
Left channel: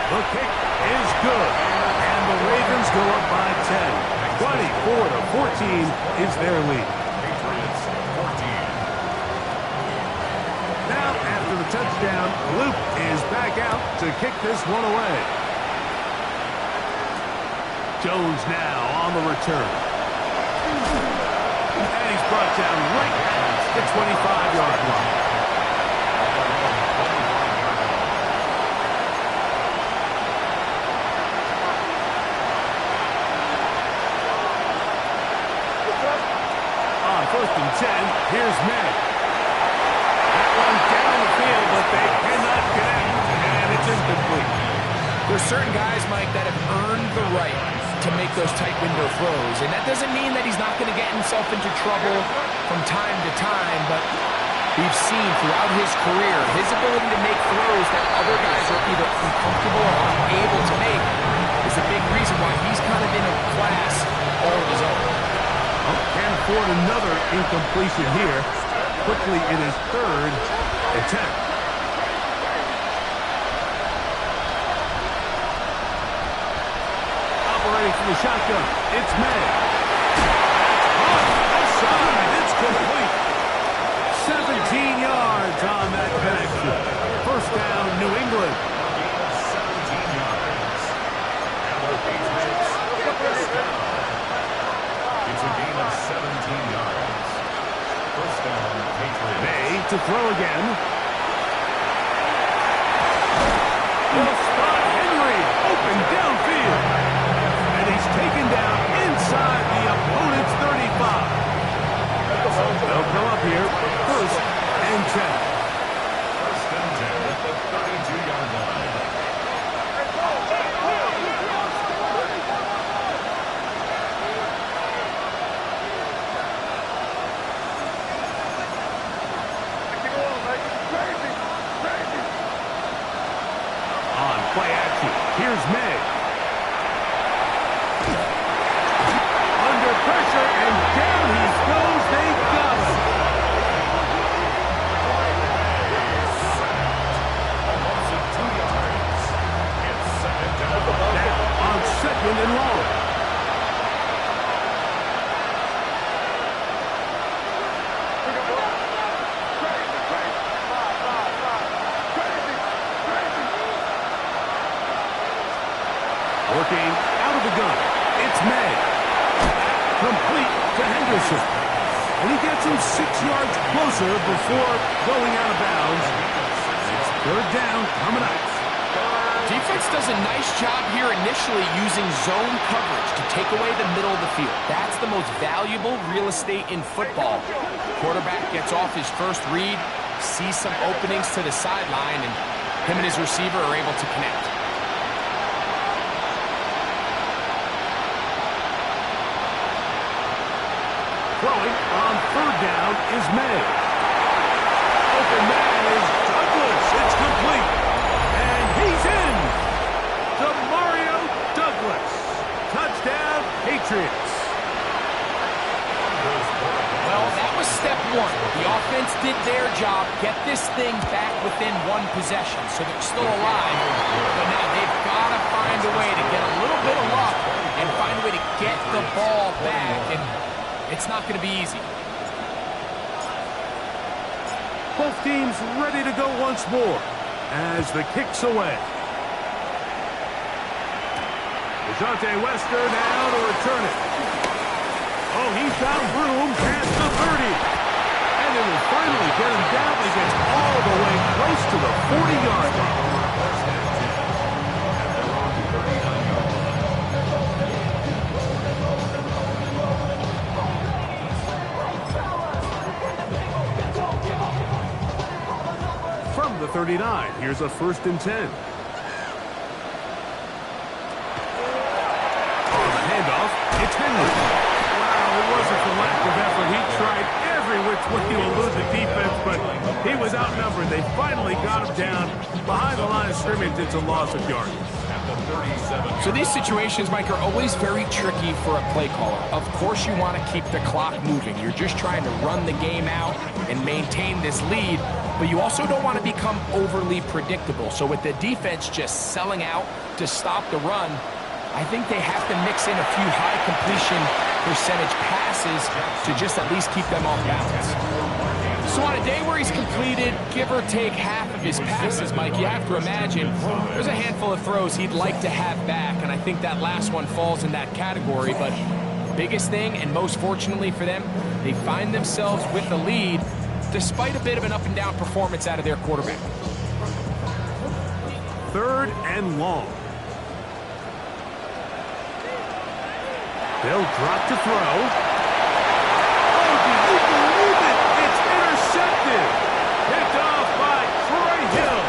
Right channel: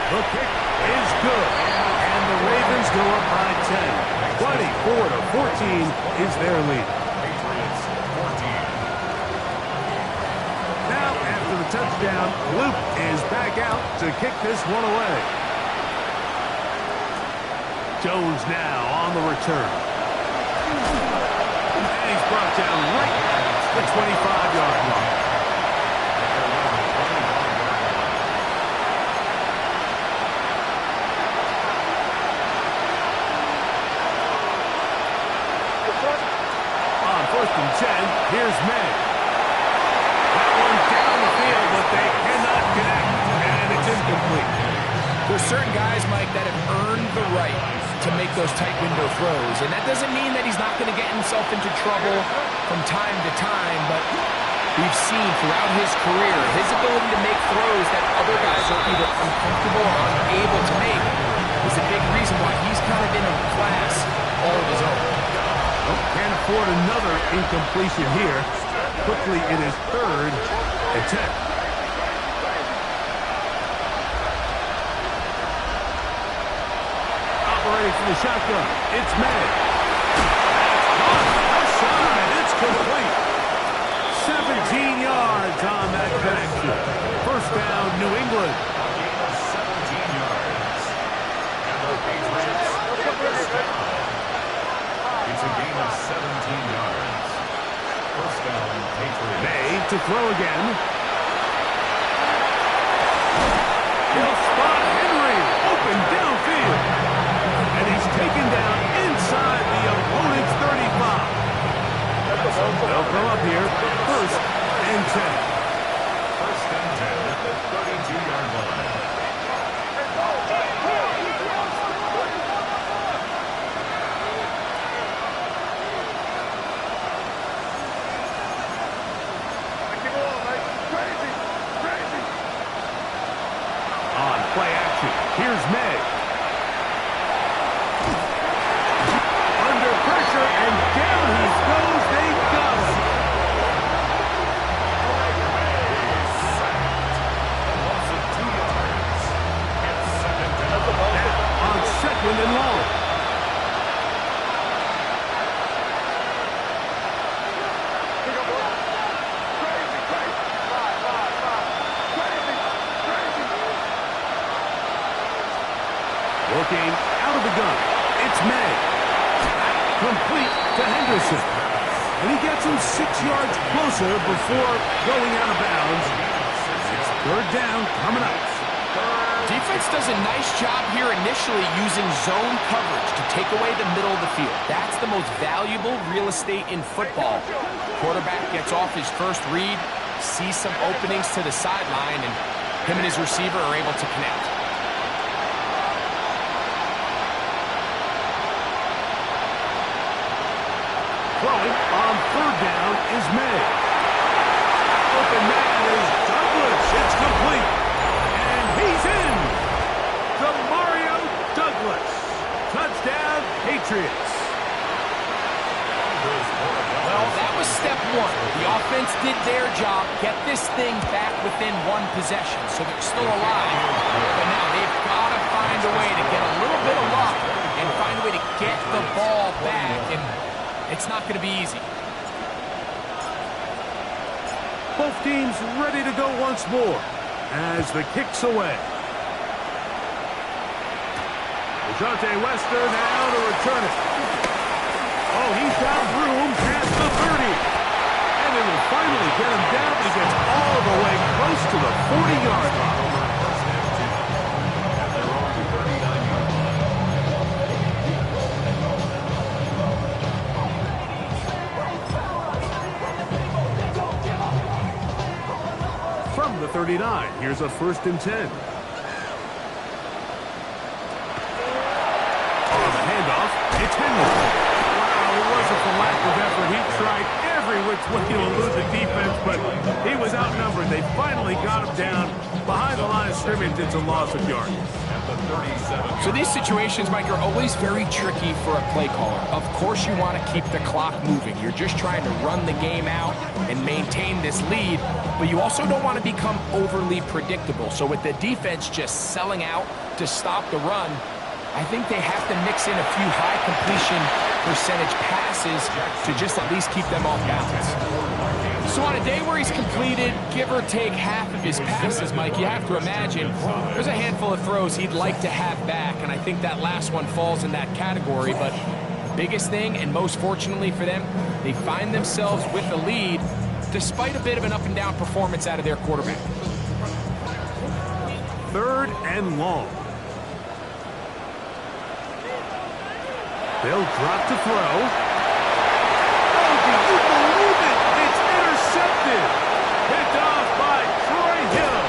The kick is good, and the Ravens go up by 10. 24-14 is their lead. Patriots 14. Now, after the touchdown, Luke is back out to kick this one away. Jones now on the return. And he's brought down right at the 25-yard line. On 1st and 10, here's May. That one down the field, but they cannot connect, and it's incomplete. There's certain guys, Mike, that have earned the right to make those tight window throws, and that doesn't mean that he's not going to get himself into trouble from time to time, but we've seen throughout his career his ability to make throws that other guys are either uncomfortable or unable to make is a big reason why he's kind of in a class all of his own. Oh, can't afford another incompletion here. Quickly, it is 3rd and 10. Operating from the shotgun, it's May. That's caught. Left side, it's complete. 17 yards on that connection. First down, New England. A gain of 17 yards. And the Patriots get this down. It's a gain of 17 yards. First down, Patriots. May to throw again. He'll spot Henry. Open downfield. And he's taken down inside the opponent's 35. They'll come up here. 1st and 10. 1st and 10 at the 32-yard line. On play action, here's May. Under pressure, and down he goes. They got him. Loss of 2 yards. It's 2nd down. Now on 2nd and long. Working out of the gun. It's May. Complete to Henderson. And he gets him 6 yards closer before going out of bounds. It's third down coming up. Defense does a nice job here initially using zone coverage to take away the middle of the field. That's the most valuable real estate in football. Quarterback gets off his first read, sees some openings to the sideline, and him and his receiver are able to connect. Throwing on third down is May. Open man is Douglas. It's complete. And he's in. Mario Douglas. Touchdown, Patriots. Well, that was step one. The offense did their job, get this thing back within one possession, so they're still alive. But now they've got to find a way to get a little bit of luck and find a way to get the ball back, and it's not going to be easy. Both teams ready to go once more as the kick's away. DeJounte Wester now to return it. Oh, he's got room past the 30. And they will finally get him down, but he gets all the way close to the 40-yard line. At their own 39-yard line. From the 39, here's a 1st and 10. On the handoff, it's Henry. It wasn't for lack of effort. He tried every which way to elude the defense, but he was outnumbered. They finally got him down behind the line of scrimmage. It's a loss of yards. At the 37. So these situations, Mike, are always very tricky for a play caller. Of course you want to keep the clock moving. You're just trying to run the game out and maintain this lead, but you also don't want to become overly predictable. So with the defense just selling out to stop the run, I think they have to mix in a few high completion percentage passes to just at least keep them off balance. So on a day where he's completed, give or take half of his passes, Mike, you have to imagine there's a handful of throws he'd like to have back, and I think that last one falls in that category. But biggest thing, and most fortunately for them, they find themselves with the lead despite a bit of an up-and-down performance out of their quarterback. 3rd and long. They'll drop to throw. Oh, do you believe it? It's intercepted. Picked off by Troy Hill.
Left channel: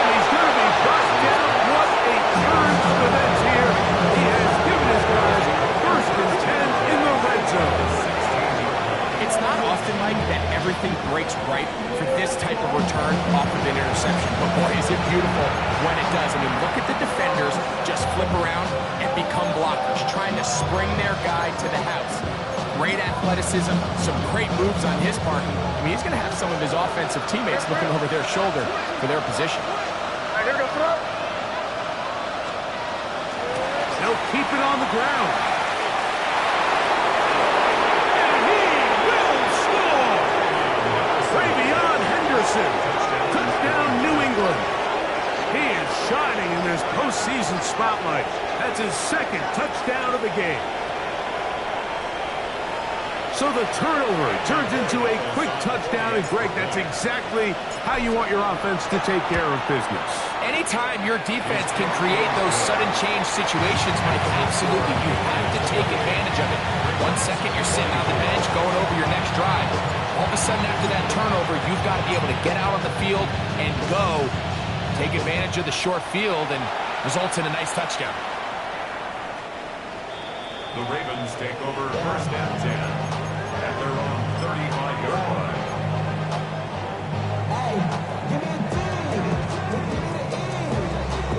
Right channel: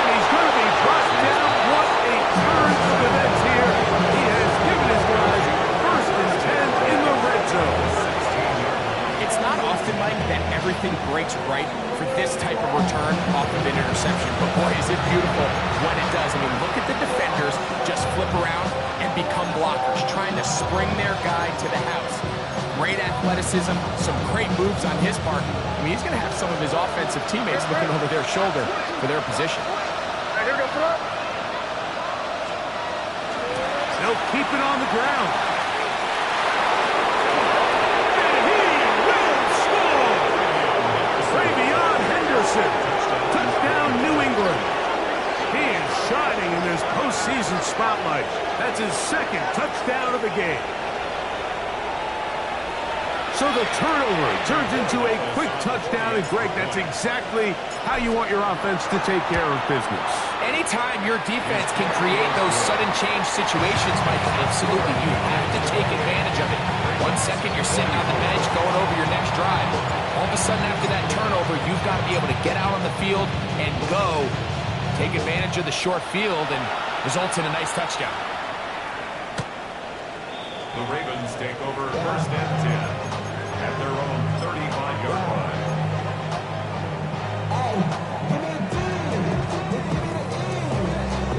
And he's going to be brought down. What a turn of events here. He has given his guys 1st and 10 in the red zone. It's not often, Mike, that everything breaks right for this type of return off of an interception. But boy, is it beautiful when it does. I mean, look at the defenders just flip around and become blockers, trying to spring their guy to the house. Great athleticism, some great moves on his part. I mean, he's going to have some of his offensive teammates looking over their shoulder for their position. They'll keep it on the ground. Travion Henderson. Touchdown, New England. He is shining in this postseason spotlight. That's his 2nd touchdown of the game. So the turnover turns into a quick touchdown, and Greg, that's exactly how you want your offense to take care of business. Anytime your defense can create those sudden change situations, Mike, absolutely, you have to take advantage of it. 1 second, you're sitting on the bench going over your next drive. All of a sudden, after that turnover, you've got to be able to get out on the field and go. Take advantage of the short field, and results in a nice touchdown. The Ravens take over 1st and 10 at their own 35-yard line. Hey, give me a D. Give me the E.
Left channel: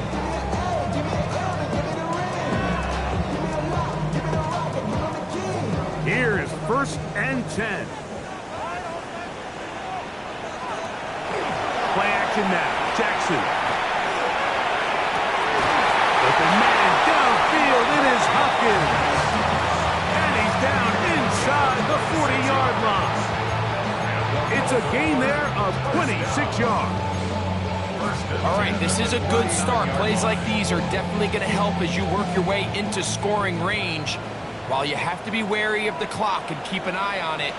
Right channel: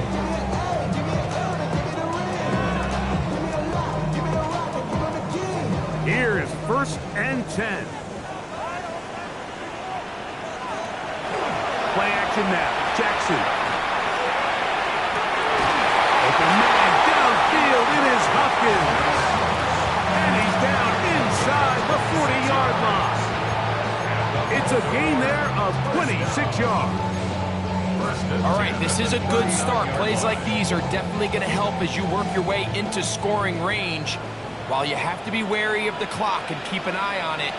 Give me an A. Give me an M. And give me the ring. Give me the lock. Give me the rock. And give me the key. Here is 1st and 10. Play action now. Jackson. Open man downfield. It is Hopkins. And he's down inside the 40-yard line. It's a gain there of 26 yards. All right, this is a good start. Plays like these are definitely going to help as you work your way into scoring range. While you have to be wary of the clock and keep an eye on it,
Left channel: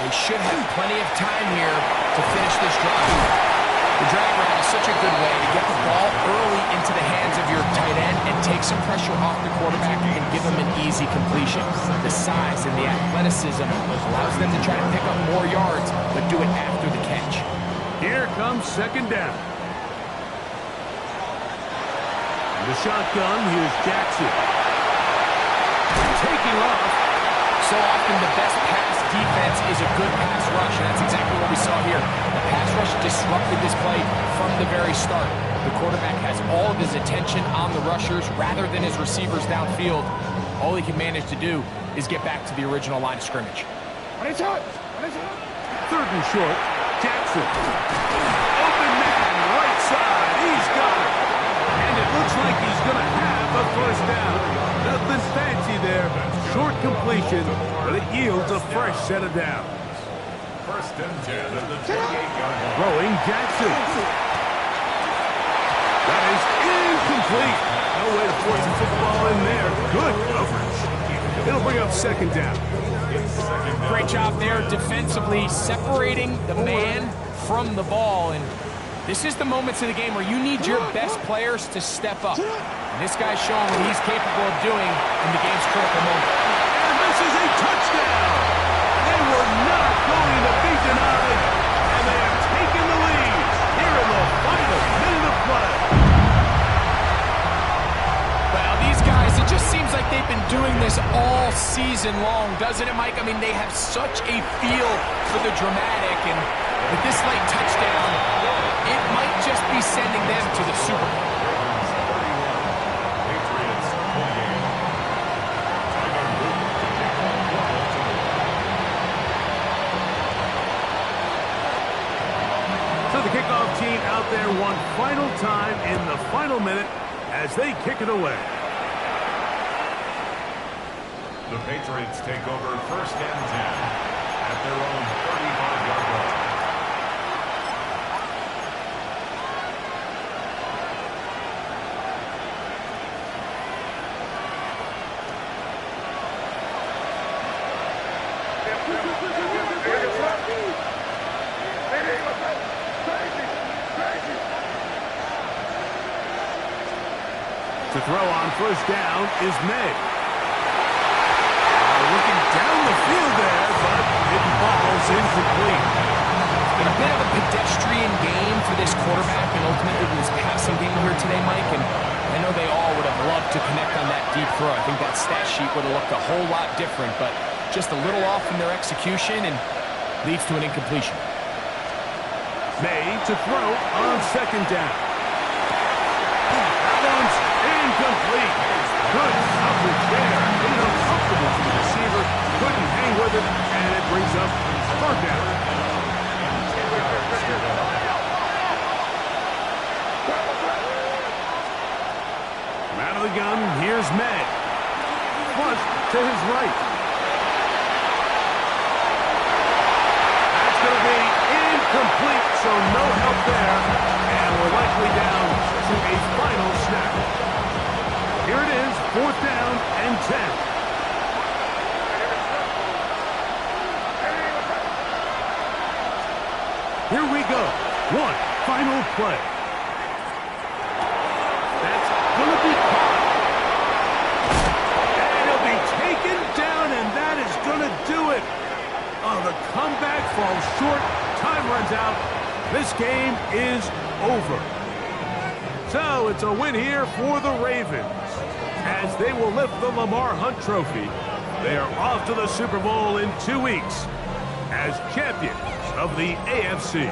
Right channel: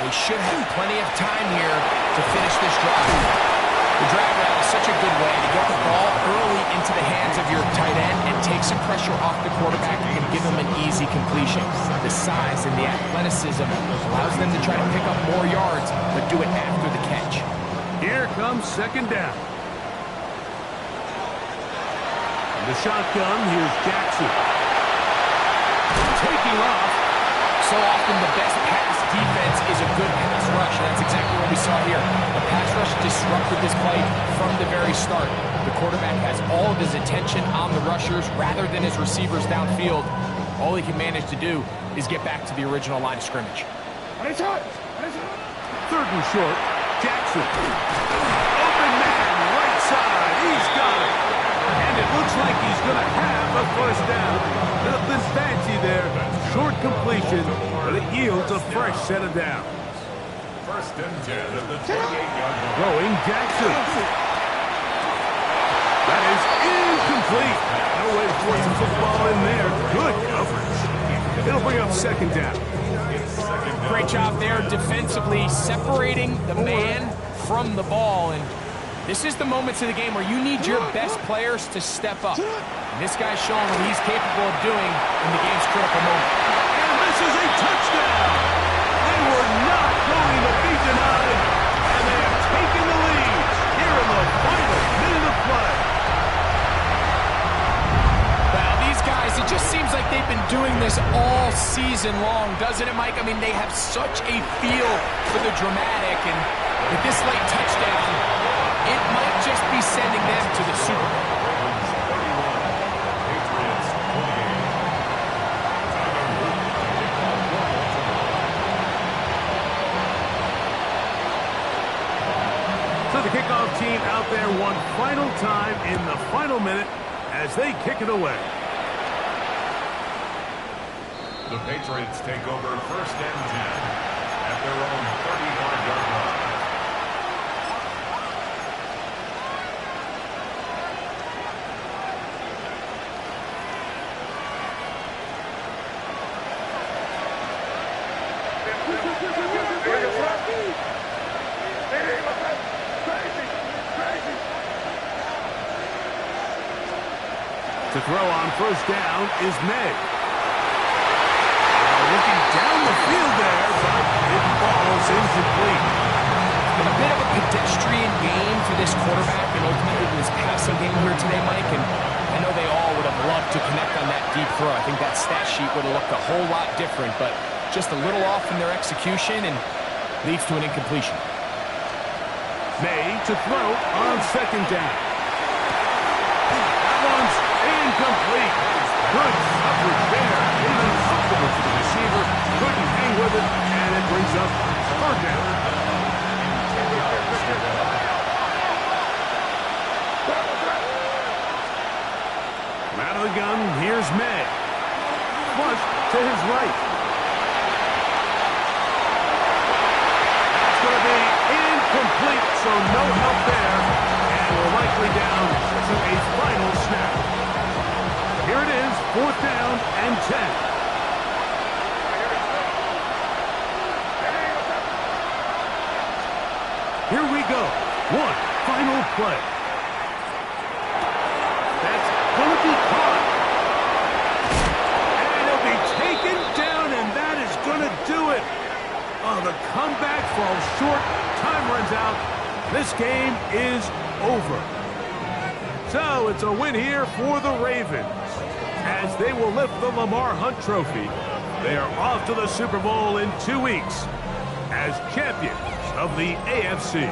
they should have plenty of time here to finish this drive. The drag route is such a good way to get the ball early into the hands of your tight end and take some pressure off the quarterback and give him an easy completion. The size and the athleticism allows them to try to pick up more yards, but do it after the catch. Here comes second down. The shotgun, here's Jackson. Taking off. So often the best pass defense is a good pass rush, and that's exactly what we saw here. The pass rush disrupted this play from the very start. The quarterback has all of his attention on the rushers rather than his receivers downfield. All he can manage to do is get back to the original line of scrimmage. Third and short, Jackson. Open man, right side, he's got it. And it looks like he's going to have a first down. Nothing fancy there. Short completion, but it yields a fresh set of downs. First and 10 at the 28-yard line. Throwing Jackson. That is incomplete. No way to force the football in there. Good coverage. It'll bring up second down. Great job there defensively, separating the man from the ball. And this is the moments of the game where you need your best players to step up. And this guy's showing what he's capable of doing in the game's critical moment. And this is a touchdown. They were not going to be denied, and they have taken the lead here in the final minute of play. Well, these guys, it just seems like they've been doing this all season long, doesn't it, Mike? I mean, they have such a feel for the dramatic, and with this late touchdown, it might just be sending them to the Super Bowl. Ravens 31, Patriots 28. Tyler Luke to kick off Baltimore. So the kickoff team out there one final time in the final minute as they kick it away. The Patriots take over first and 10 at their own 35-yard line. To throw on first down is May. Looking down the field there, but it falls incomplete. It's been a bit of a pedestrian game for this quarterback and ultimately this passing game here today, Mike. And I know they all would have loved to connect on that deep throw. I think that stat sheet would have looked a whole lot different, but just a little off in their execution and leads to an incompletion. May to throw on second down. That one's incomplete. Good coverage there. Made it uncomfortable for the receiver. Couldn't hang with it, and it brings up third down. From out of the gun, here's May. Flush to his right. That's going to be incomplete, so no help there. And we're likely down to a final snap. Here it is, fourth down and 10. Here we go. One final play. That's going to be caught. And he'll be taken down, and that is going to do it. Oh, the comeback falls short. Time runs out. This game is over. So it's a win here for the Ravens as they will lift the Lamar Hunt Trophy. They are off to the Super Bowl in 2 weeks as champions of the AFC.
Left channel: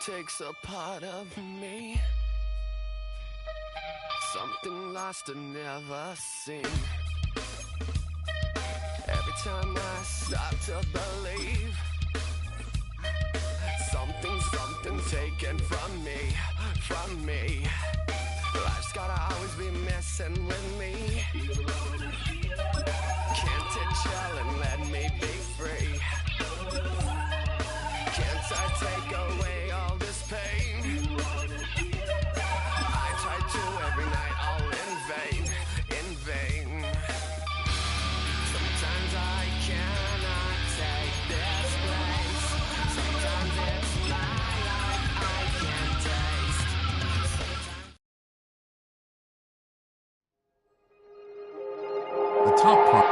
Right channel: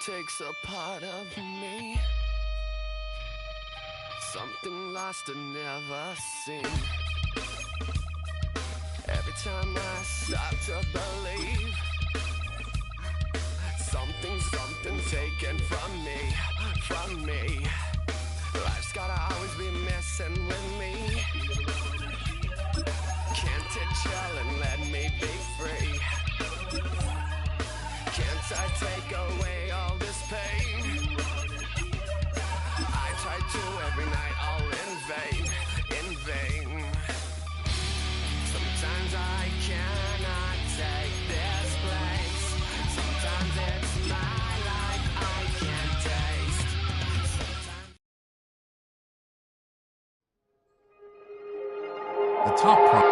takes a part of me. Something lost and never seen. Every time I start to believe, something taken from me. Life's gotta always be messing with me. Can't it chill and let me be free? Can't I take away all this pain? I try to every night, all in vain. Sometimes I cannot take this place. Sometimes it's my life I can't taste. The top prop.